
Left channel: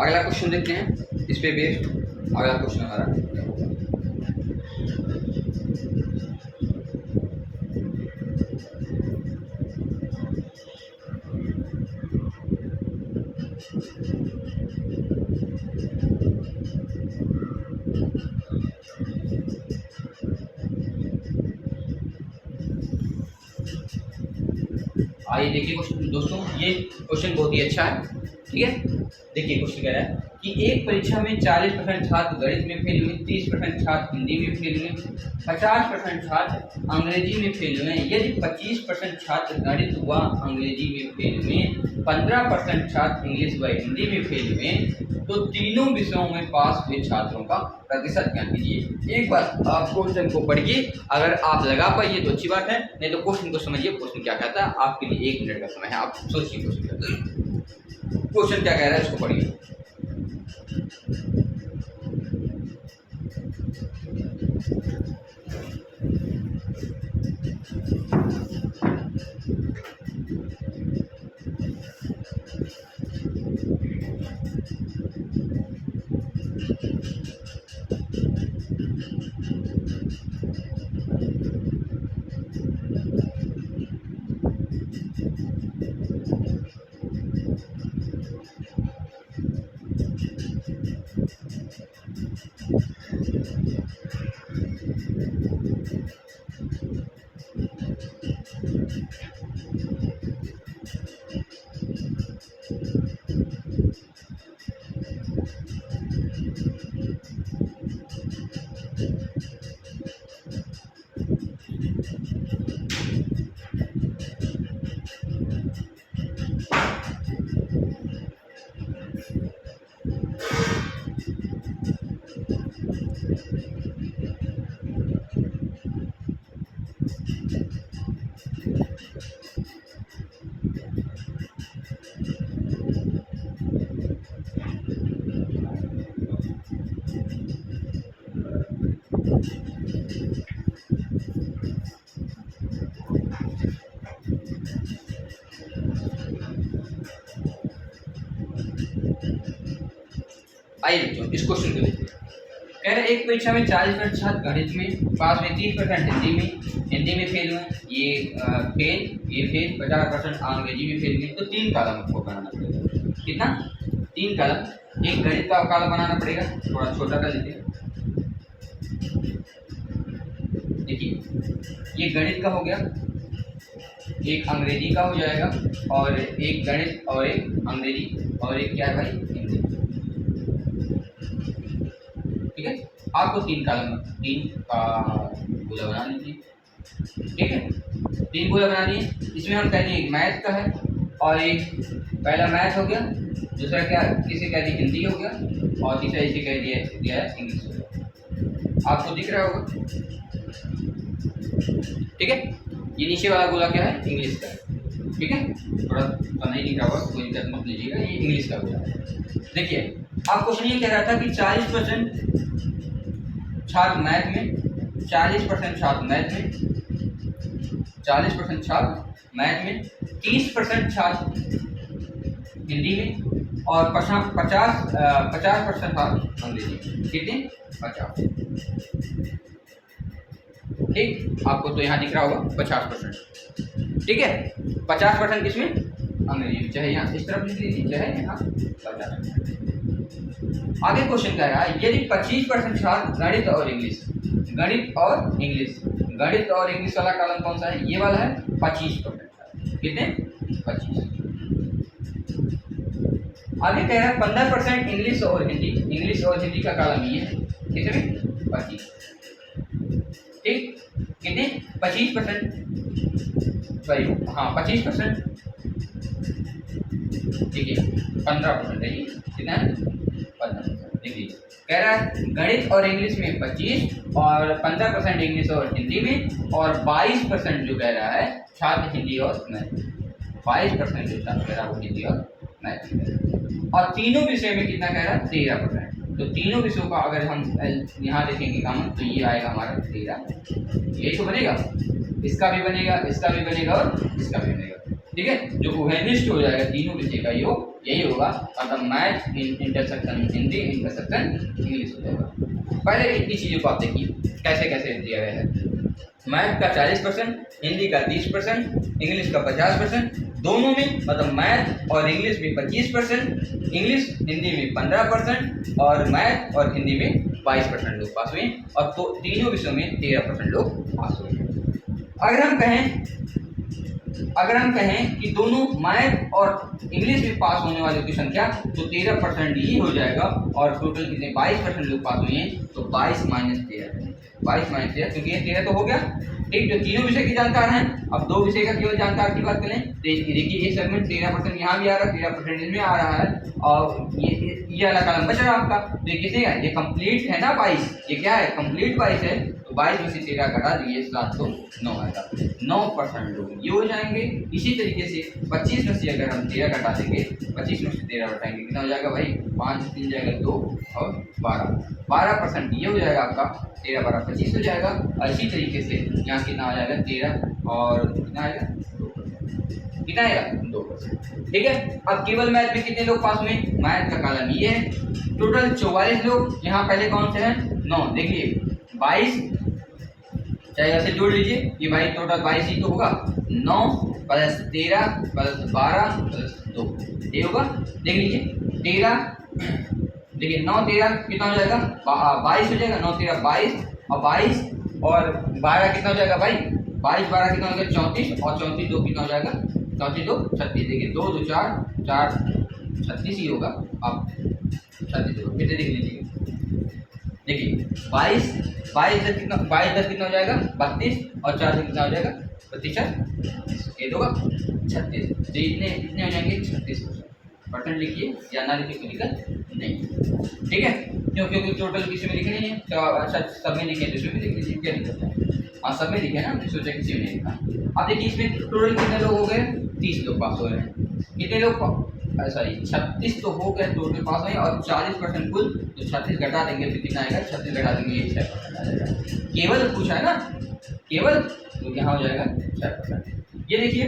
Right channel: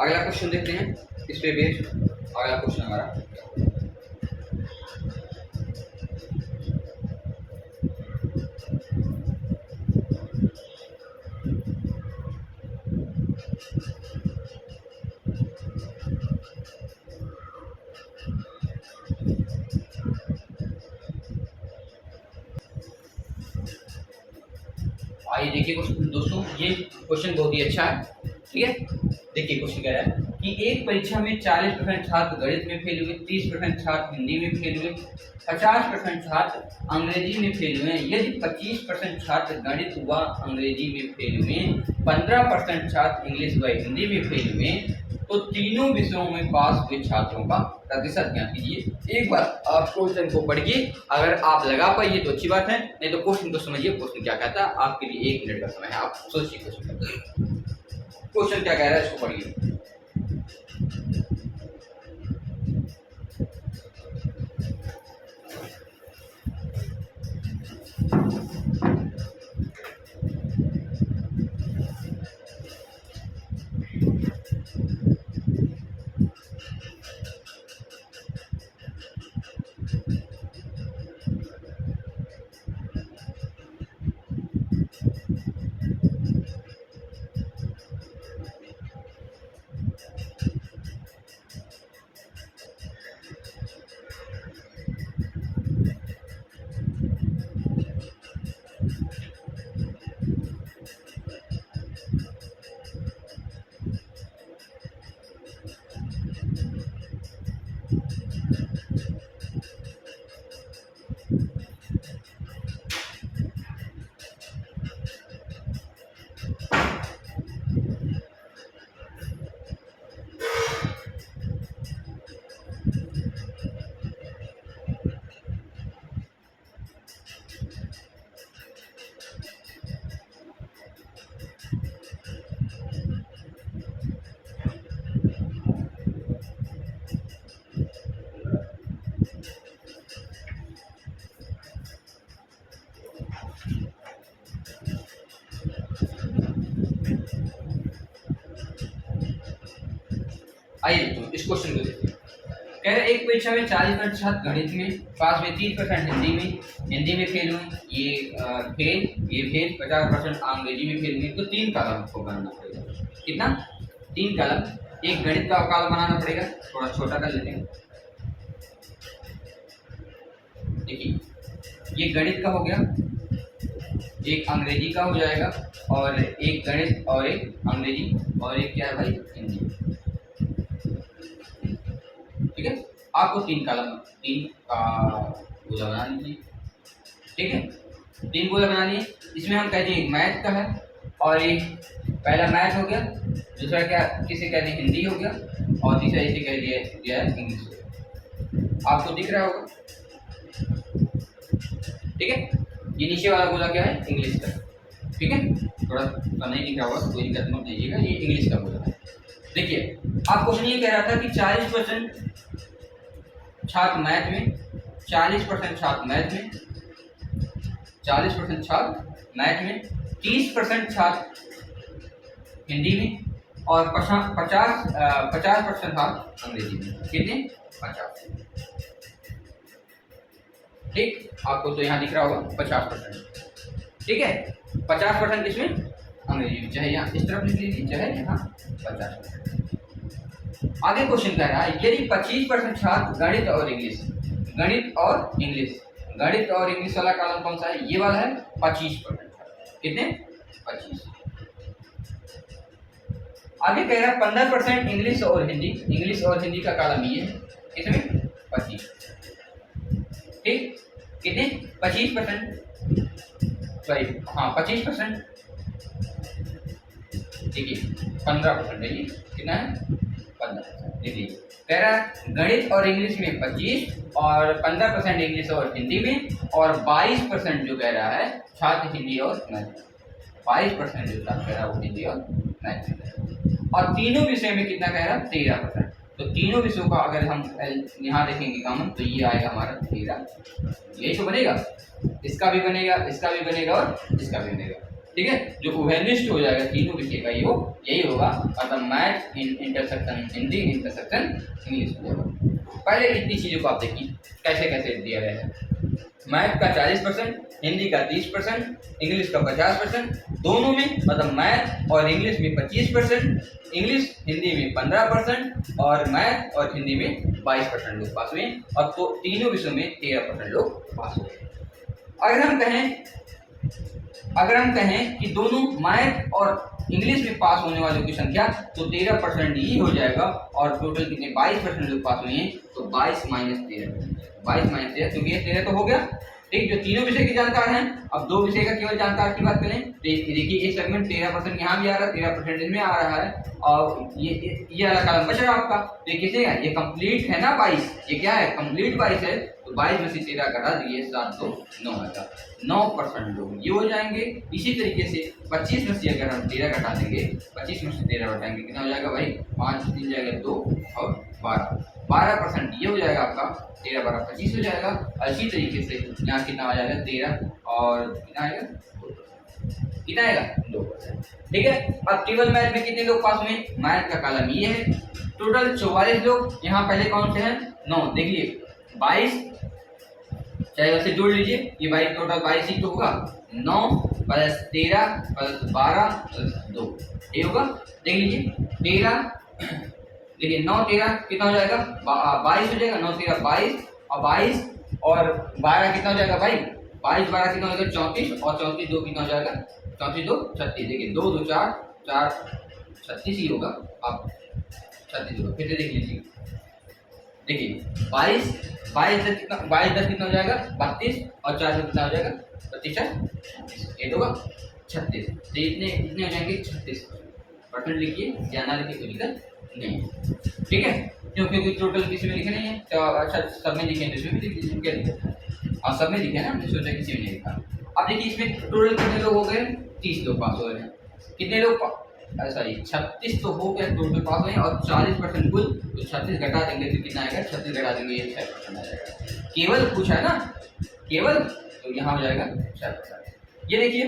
अगला क्वेश्चन देखते हैं, इस पे बेस्ड अगला क्वेश्चन हमारा क्या होगा। आइए देखिए क्वेश्चन दोस्तों, ये क्वेश्चन बहुत ही अच्छा है। ठीक है, देखिए क्वेश्चन कह रहा है कि एक परीक्षा में 40% छात्र गणित में फेल हुए, 30% छात्र हिंदी में फेल हुए, 50% छात्र अंग्रेजी में फेल हुए। यदि 25% छात्र गणित व अंग्रेजी में फेल हुए, 15% छात्र इंग्लिश व हिंदी में फेल हुए, तो तीनों विषयों में पास हुए छात्रों का प्रतिशत ज्ञात कीजिए। एक बार आप क्वेश्चन को पढ़िए, अगर आप लगा पाइए तो अच्छी बात है, नहीं तो क्वेश्चन को समझिए। क्वेश्चन क्या कहता है, आपके लिए 1 मिनट का समय है, आप सोचिए क्वेश्चन क्या कह रहा है, इसको पढ़िए। आइए दोस्तों इस क्वेश्चन को देखिए। कह रहे एक परीक्षा में 40% छात्र गणित में पास हुए, 30% हिंदी में फेल हुए, ये फेल 50% अंग्रेजी में फेल हुए। तो 3 कॉलम को बनाना पड़ेगा। कितना? 3 कॉलम। एक गणित का कॉलम बनाना पड़ेगा, थोड़ा छोटा कर लेते हैं। देखिए ये गणित का हो गया, एक अंग्रेजी का हो जाएगा, और एक गणित और एक अंग्रेजी और एक क्या है भाई, हिंदी। ठीक है, आपको 3 कॉलम 3 का गोला बना लीजिए। ठीक है, 3 गोला बना लिए। इसमें हम कह दिए मैथ का है, और एक पहला मैथ हो गया, दूसरा क्या किसे कह दिए हिंदी हो गया, और तीसरा इसे कह दिया है इंग्लिश हो गया। आपको दिख रहा होगा। ठीक है, ये नीचे वाला गोला क्या है, इंग्लिश का। ठीक है, थोड़ा नहीं दिख रहा होगा, कोई दिक्कत मत लीजिएगा, ये इंग्लिश का गोला है। देखिए आप क्वेश्चन ये कह रहा था कि 40% छात्र मैथ में, 40% छात्र मैथ में, 40% छात्र मैथ में, 30% छात्र हिंदी में, और 50% छात्र अंग्रेजी में। कितने? 50। ठीक, आपको तो यहाँ दिख रहा होगा 50%। ठीक है, 50% किसमें? अंग्रेजी में। चाहे यहाँ इस तरफ लिख लीजिए, चाहे यहाँ 50%। आगे क्वेश्चन कह रहा है यदि 25% छात्र गणित और इंग्लिश, गणित और इंग्लिश, गणित और इंग्लिश वाला कॉलम कौन सा है, ये वाला है। 25%। कितने? 25। आगे कह रहा है 15% इंग्लिश और हिंदी, इंग्लिश और हिंदी का कॉलम ये है। कितने? 25। ठीक, कितने? 25%, सॉरी हाँ 25%। देखिए 15% है ये, कितना है? 15%। देखिए कह रहा है गणित और इंग्लिश में 25, और 15% इंग्लिश और हिंदी में, और 22% जो कह रहा है छात्र हिंदी और मैथ में। 22% जो छात्र कह रहा है वो हिंदी और मैथ में। और तीनों विषय में कितना कह रहा है? 13%। तो तीनों विषयों का अगर हम यहाँ देखेंगे कॉमन, तो ये आएगा हमारा 13। यही तो बनेगा, इसका भी बनेगा, इसका भी बनेगा, और इसका भी बनेगा। ठीक है, जो उभयनिष्ठ हो जाएगा तीनों विषय का योग यही होगा, अर्थात math intersection Hindi intersection English हो जाएगा। पहले इतनी चीज़ों को आप देखिए कैसे कैसे दिया गया है। मैथ का 40%, हिंदी का 30%, इंग्लिश का 50%, दोनों में मतलब मैथ और इंग्लिश में 25%, इंग्लिश हिंदी में 15% और मैथ और हिंदी में 22% लोग पास हुए, और तो तीनों विषयों में 13% लोग पास हुए। अगर हम कहें कि दोनों मैथ और इंग्लिश में पास होने वालों की संख्या तो 13% ही हो जाएगा, और टोटल कितने 22% लोग पास हुए हैं, तो 22 माइनस 13, क्योंकि ये 13 तो हो गया। ठीक, जो तीनों विषय की जानकार हैं, अब दो विषय का केवल जानकार की बात करें तो देखिए ये सेगमेंट 13% यहाँ भी आ रहा है, 13% इसमें आ रहा है, और ये वाला कॉलम बच रहा है आपका, तो ये कितने का, ये कंप्लीट है ना 22, ये क्या है कंप्लीट 22 है, तो 22 में से 13 घटा दिए 7 तो 9 आएगा, 9% लोग ये हो जाएंगे। इसी तरीके से 25 में से अगर हम 13 घटा देंगे, 25 में से 13 घटाएंगे कितना हो जाएगा भाई, 5 3 जाएगा 2 और 12% ये हो जाएगा आपका, 13 12 25 हो जाएगा। और इसी तरीके से यहाँ कितना हो जाएगा 13 और कितना आएगा 2%। ठीक है, अब केवल मैथ में कितने लोग पास हुए, मैथ का कॉलम ये है, टोटल 44 लोग। यहाँ पहले कौन से हैं 9, देखिए 22 चाहे ऐसे जोड़ लीजिए, ये भाई टोटल 22 ही तो होगा, 9 प्लस 13 प्लस 12 प्लस 2 ये होगा। देख लीजिए 13, देखिए 9 13 कितना हो जाएगा 22 हो जाएगा, 9 13 22 और 22 और 12 कितना हो जाएगा भाई, 22 12 कितना हो जाएगा 34, और 34 2 कितना हो जाएगा 34 2 36, देखिए 2 2 4 4 36 ही होगा, अब 36 होगा। फिर से देख लीजिए, देखिए 22 10 कितना, 22 10 कितना हो जाएगा 32, और 4 से कितना हो जाएगा 25, ये होगा 36, तो इतने हो जाएंगे 36%। लिखिए या ना लिखिए कोई दिक्कत नहीं, ठीक है, क्योंकि टोटल किसी में लिखे नहीं है, तो अच्छा सब में लिखे इसमें भी लिख लीजिए, क्या दिक्कत है, और सब में लिखे ना, हमने सोचा किसी में नहीं लिखा। अब देखिए इसमें टोटल कितने लोग हो गए, 30 लोग पास हो रहे हैं, कितने लोग सॉरी 36 तो हो गया टोटल पास हुए, और 40% कुल, तो 36 घटा देंगे तो कितना आएगा, 36 घटा देंगे ये 6% आ जाएगा, केवल पूछा है ना केवल, तो यहाँ हो जाएगा 6%। ये देखिए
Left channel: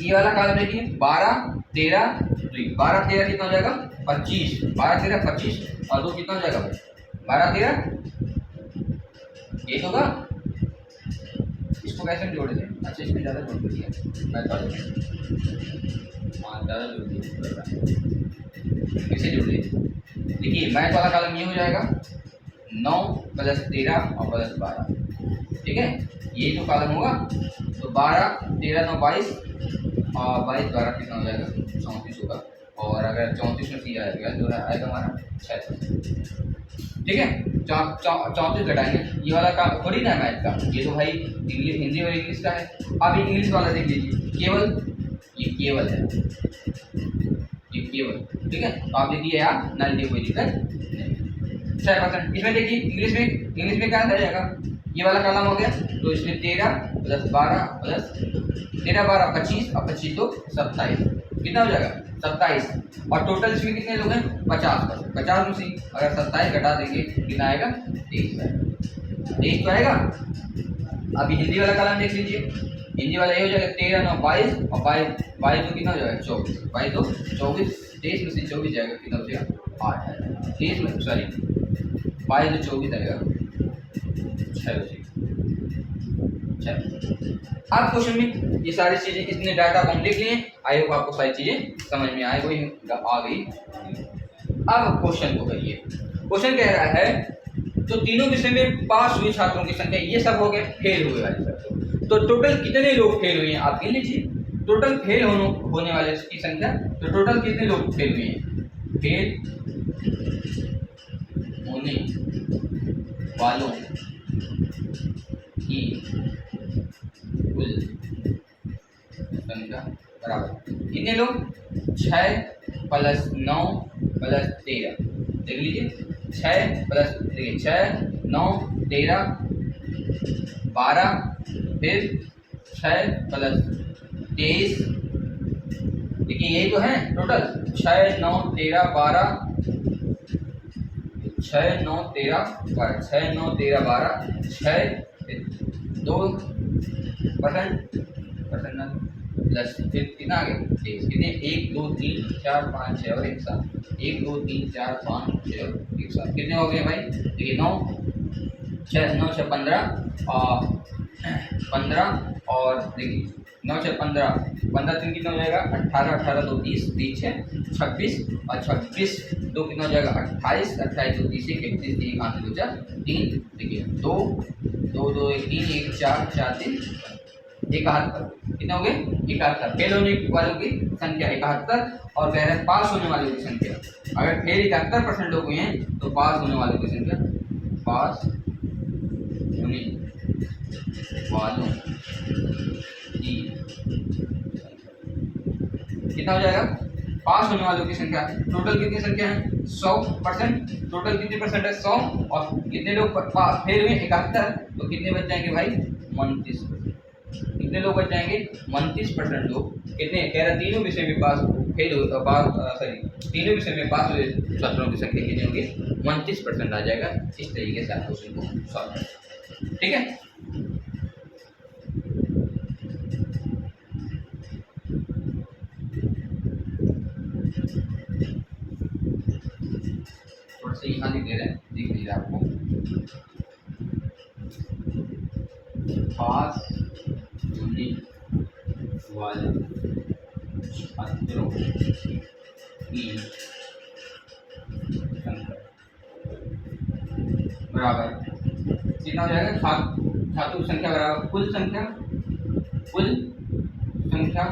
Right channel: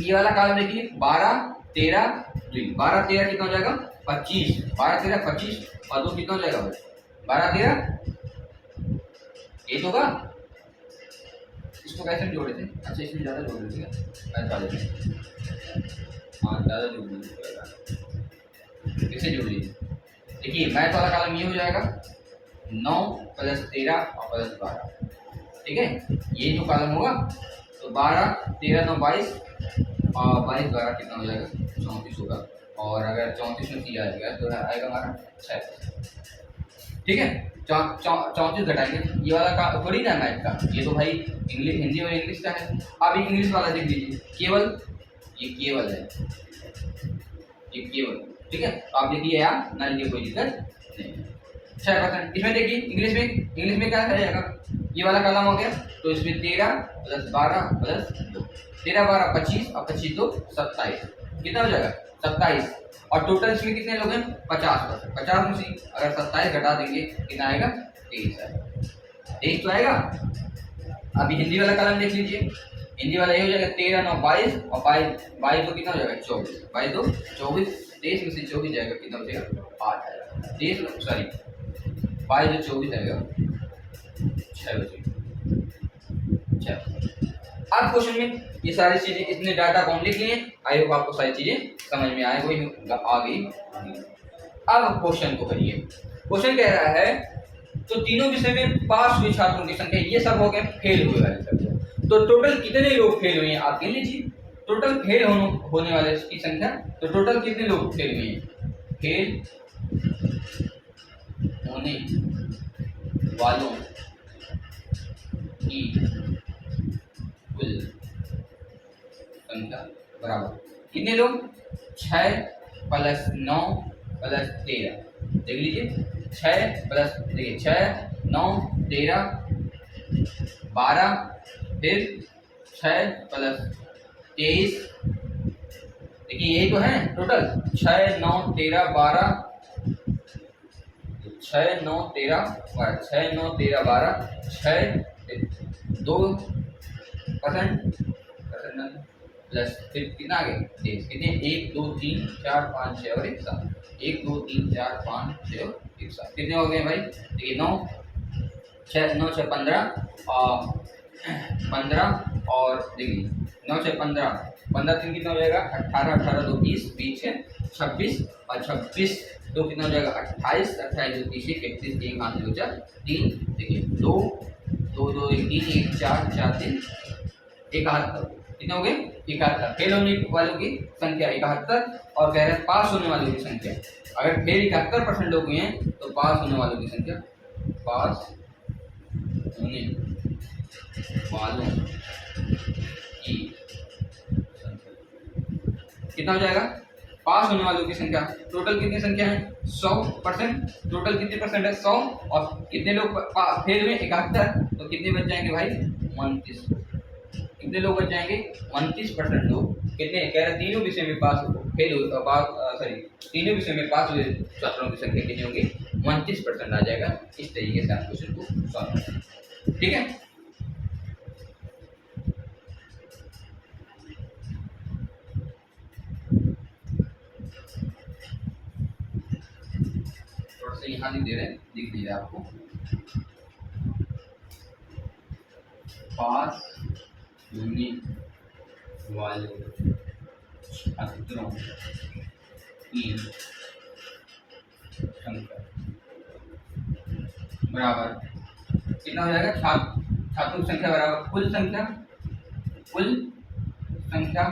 ये वाला कॉलम देखिए 12 13 2, 12 13 कितना हो जाएगा 25, 12 13 25 और 2 कितना हो जाएगा 12 13, ये तो होगा। इसको कैसे जोड़े थे, अच्छा इसमें ज़्यादा जोड़ दिया मैथ वाले में, हाँ ज़्यादा जोड़ दिया, कैसे जोड़ दिए, देखिए मैथ वाला कॉलम ये हो जाएगा 9 प्लस 13 और प्लस 12, ठीक है, ये जो कॉलम होगा, तो 12 13 9 22 और 22 12 कितना हो जाएगा 34 होगा, और अगर 34 में सी आएगा तो आएगा हमारा 6%, ठीक है। 34 घटाएंगे, ये वाला काम थोड़ी ना मैथ का, ये तो भाई इंग्लिश हिंदी और इंग्लिश का है। अब इंग्लिश वाला देख लीजिए, केवल ये केवल है, ये केवल, ठीक है, तो आप लिखिए यार ना लिखिए कोई दिक्कत नहीं, 6%। इसमें देखिए इंग्लिश में क्या आ जाएगा, ये वाला कॉलम हो गया, तो इसमें 13 प्लस 12 प्लस 13 12 25 और 25 तो 27, कितना हो जाएगा 27, और टोटल इसमें कितने लोग हैं 50%, 50 में से अगर 27 घटा देंगे कितना आएगा 23 आएगा, 23 तो आएगा। अभी हिंदी वाला कॉलम देख लीजिए, हिंदी वाला ये हो जाएगा 13 9 22 और 22 तो कितना हो जाएगा 24, 22 तो 24, 23 में से 24 जाएगा कितना बचेगा 8 आएगा, 23 में सॉरी 22 तो 24 आएगा 6 बचेगा 6। अब क्वेश्चन में ये सारी चीजें इतने डाटा को हम लिख लिए, आई होप आपको सारी चीजें समझ में आ गई। अब क्वेश्चन को करिए, क्वेश्चन कह रहा है तो तीनों विषय में पास हुए छात्रों की संख्या, ये सब हो गए फेल हुए वाले छात्र, तो टोटल कितने लोग फेल हुए हैं आप गिन लीजिए, टोटल फेल होने वाले की संख्या, तो टोटल कितने लोग फेल हुए हैं, फेल होने वालों की कुल संख्या बराबर कितने लोग 6 प्लस 9 प्लस 13, देख लीजिए 6 प्लस देखिए 6 9 13 12, फिर 6 प्लस 23, देखिए यही तो है टोटल 6 9 13 12, 6 9 13 12, 6 9 13 12, 6 2%, परसेंट डन प्लस फिर कितना आ गया 23 कितने 1 2 3 4 5 6 और 1 7 1 2 3 4 5 6 और 1 7 कितने हो गए भाई देखिए 9 6 9 6 15 और 15 और देखिए 9 6 15 15 3 कितना हो जाएगा 18 18 2 20 20 है 26 और 26 2 कितना हो जाएगा 28 28 2 30 31 1 5 2 4 3 देखिए 2 2 2 3 1 4 4 3 71 कितना हो गए 71 फेल होने वालों की संख्या 71 और कह रहे हैं पास होने वालों की संख्या अगर फेल 71% लोग हुए हैं तो पास होने वालों की संख्या पास होने वालों की कितना हो जाएगा पास होने वालों की संख्या टोटल कितनी संख्या है 100% टोटल कितनी परसेंट है 100 और कितने लोग फेल हुए 71 तो कितने बच जाएंगे भाई 29 कितने लोग बच जाएंगे 29% लोग कितने कह रहा तीनों विषय में पास फेल हो पास सॉरी तीनों विषय में पास हुए छात्रों की संख्या कितनी होगी 29% आ जाएगा। इस तरीके से आप क्वेश्चन को सॉल्व करें ठीक है। थोड़ा सा यहाँ लिख दे रहे हैं दिख नहीं रहा आपको पास होने वाले छात्रों की संख्या बराबर कितना हो जाएगा छात्रों की संख्या बराबर कुल संख्या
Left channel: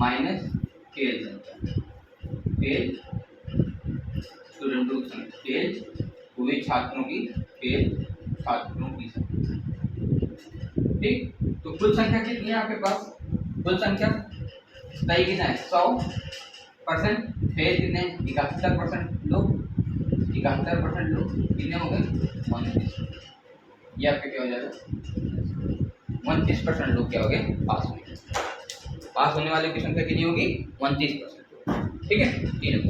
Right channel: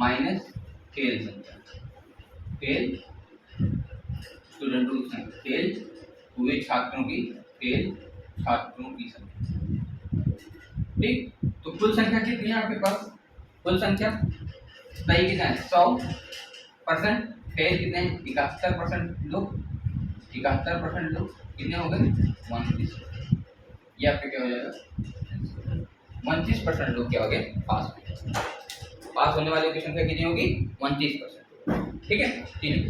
माइनस फेल संख्या फेल स्टूडेंटों की संख्या फेल हुए छात्रों की संख्या ठीक। तो कुल संख्या कितनी है आपके पास कुल संख्या सही कितना है 100% फेल कितने 71% लोग 71% लोग कितने हो गए 29 ये आपका क्या हो जाएगा 29% लोग क्या हो गए पास होने वालों की संख्या कितनी होगी 29% ठीक है तीनों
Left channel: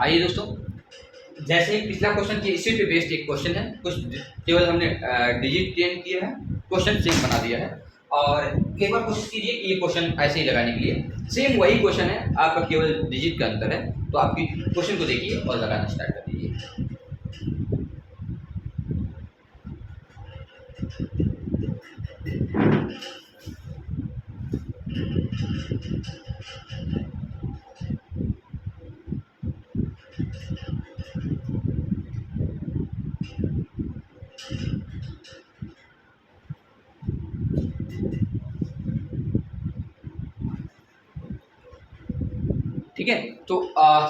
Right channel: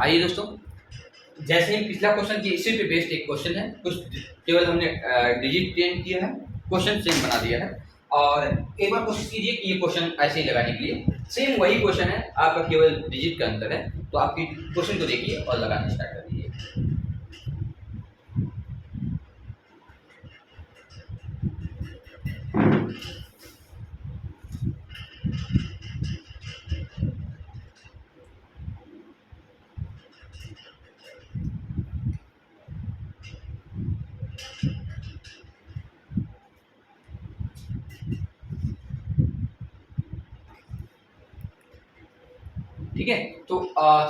आइए दोस्तों जैसे ही पिछला क्वेश्चन की इसी पे बेस्ड एक क्वेश्चन है कुछ केवल हमने डिजिट चेंज किया है क्वेश्चन सेम बना दिया है और एक बार कोशिश कीजिए कि ये क्वेश्चन ऐसे ही लगाने के लिए सेम वही क्वेश्चन है आपका केवल डिजिट का अंतर है तो आपकी क्वेश्चन को देखिए और लगाना स्टार्ट कर दीजिए। ठीक है तो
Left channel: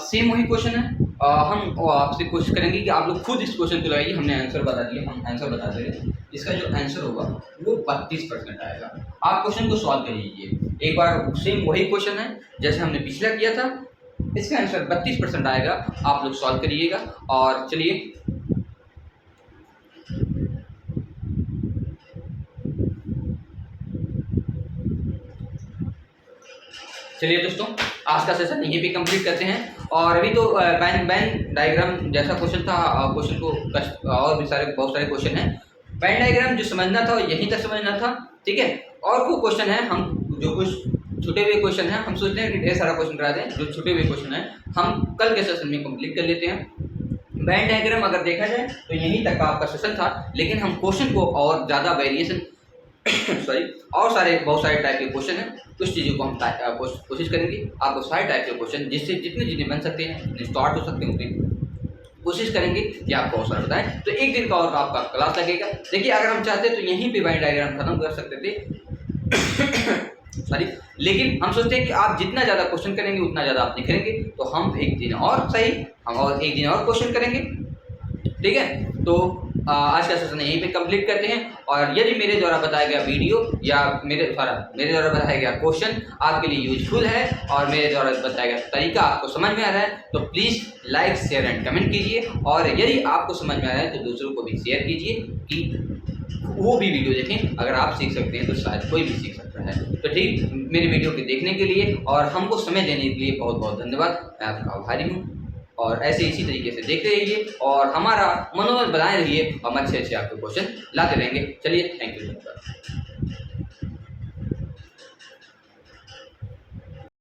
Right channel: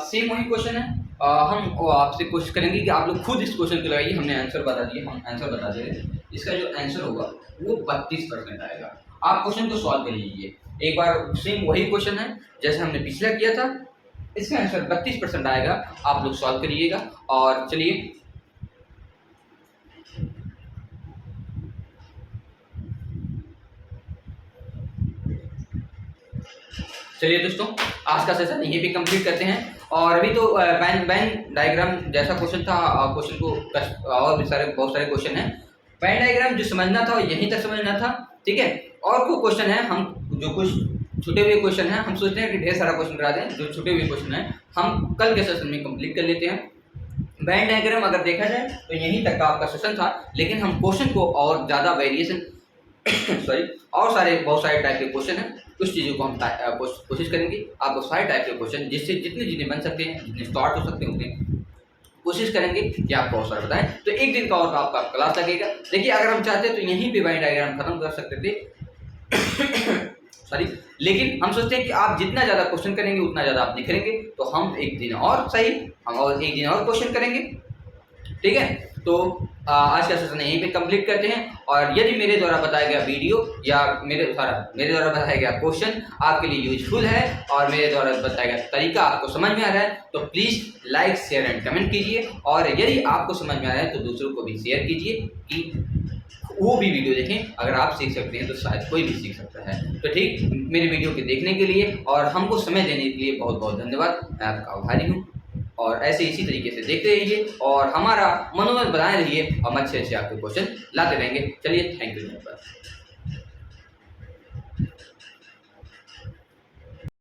सेम वही क्वेश्चन है हम आपसे कोशिश करेंगे कि आप लोग खुद इस क्वेश्चन को लगाइए। हमने आंसर बता दिया हम आंसर बता दे रहे इसका जो आंसर होगा वो 32% आएगा। आप क्वेश्चन को सॉल्व कर लीजिए एक बार सेम वही क्वेश्चन है जैसे हमने पिछला किया था इसका आंसर 32% आएगा। आप लोग सॉल्व करिएगा और चलिए चलिए दोस्तों आज का सेशन यहीं पे कंप्लीट करते हैं और अभी तो बैन डायग्राम जैसा क्वेश्चन था क्वेश्चन को और भी बहुत सारे क्वेश्चन हैं। बैन डायग्राम जो समझना था यहीं तक समझना था ठीक है। और कोई क्वेश्चन है हम जो कुछ छूटे हुए क्वेश्चन हैं हम सोचते हैं कि ढेर सारा क्वेश्चन करा दें जो छूटे हुए क्वेश्चन हैं हम कल के सेशन में कंप्लीट कर लेते हैं। बैन डायग्राम अगर देखा जाए तो यहीं तक का आपका सेशन था लेकिन हम क्वेश्चन को और ज़्यादा वेरिएशन सॉरी और बहुत सारे टाइप के क्वेश्चन हैं कुछ चीज़ों को हम कोशिश करेंगे आपको सारे टाइप के क्वेश्चन जिससे जितने बन सकते हैं जितने स्टार्ट हो सकते हैं उतने कोशिश करेंगे कि आपको और सारा बताएं। तो एक दिन का और आपका क्लास लगेगा। देखिए अगर हम चाहते तो यहीं पे बैन डायग्राम खत्म कर सकते थे सॉरी लेकिन हम सोचते हैं कि आप जितना ज़्यादा क्वेश्चन करेंगे उतना ज़्यादा आप निखरेंगे तो हम एक दिन और क्वेश्चन करेंगे ठीक है। तो आज का सेशन यहीं पे कंप्लीट करते हैं। और यदि मेरे द्वारा बताया गया वीडियो या मेरे द्वारा बताया गया क्वेश्चन आपके लिए यूजफुल है और मेरे द्वारा बताया गया तरीका आपको समझ में आ रहा है तो please like share and comment कीजिए। और यदि आपको समझ में आ रहा है तो दूसरों को भी शेयर कीजिए कि वो भी वीडियो देखें। अगर आप सीख सकते हैं तो शायद कोई भी सीख सकता है। तो ठीक, मेरे वीडियो के देखने के लिए और हमको समय देने के लिए बहुत बहुत धन्यवाद। मैं आपका आभारी हूँ और ऐसे इसी तरीके से देखते रहिए और हमारा मनोबल बनाए रहिए। हम अच्छे अच्छे आपके क्वेश्चन लाते रहेंगे। चलिए, थैंक यू, धन्यवाद।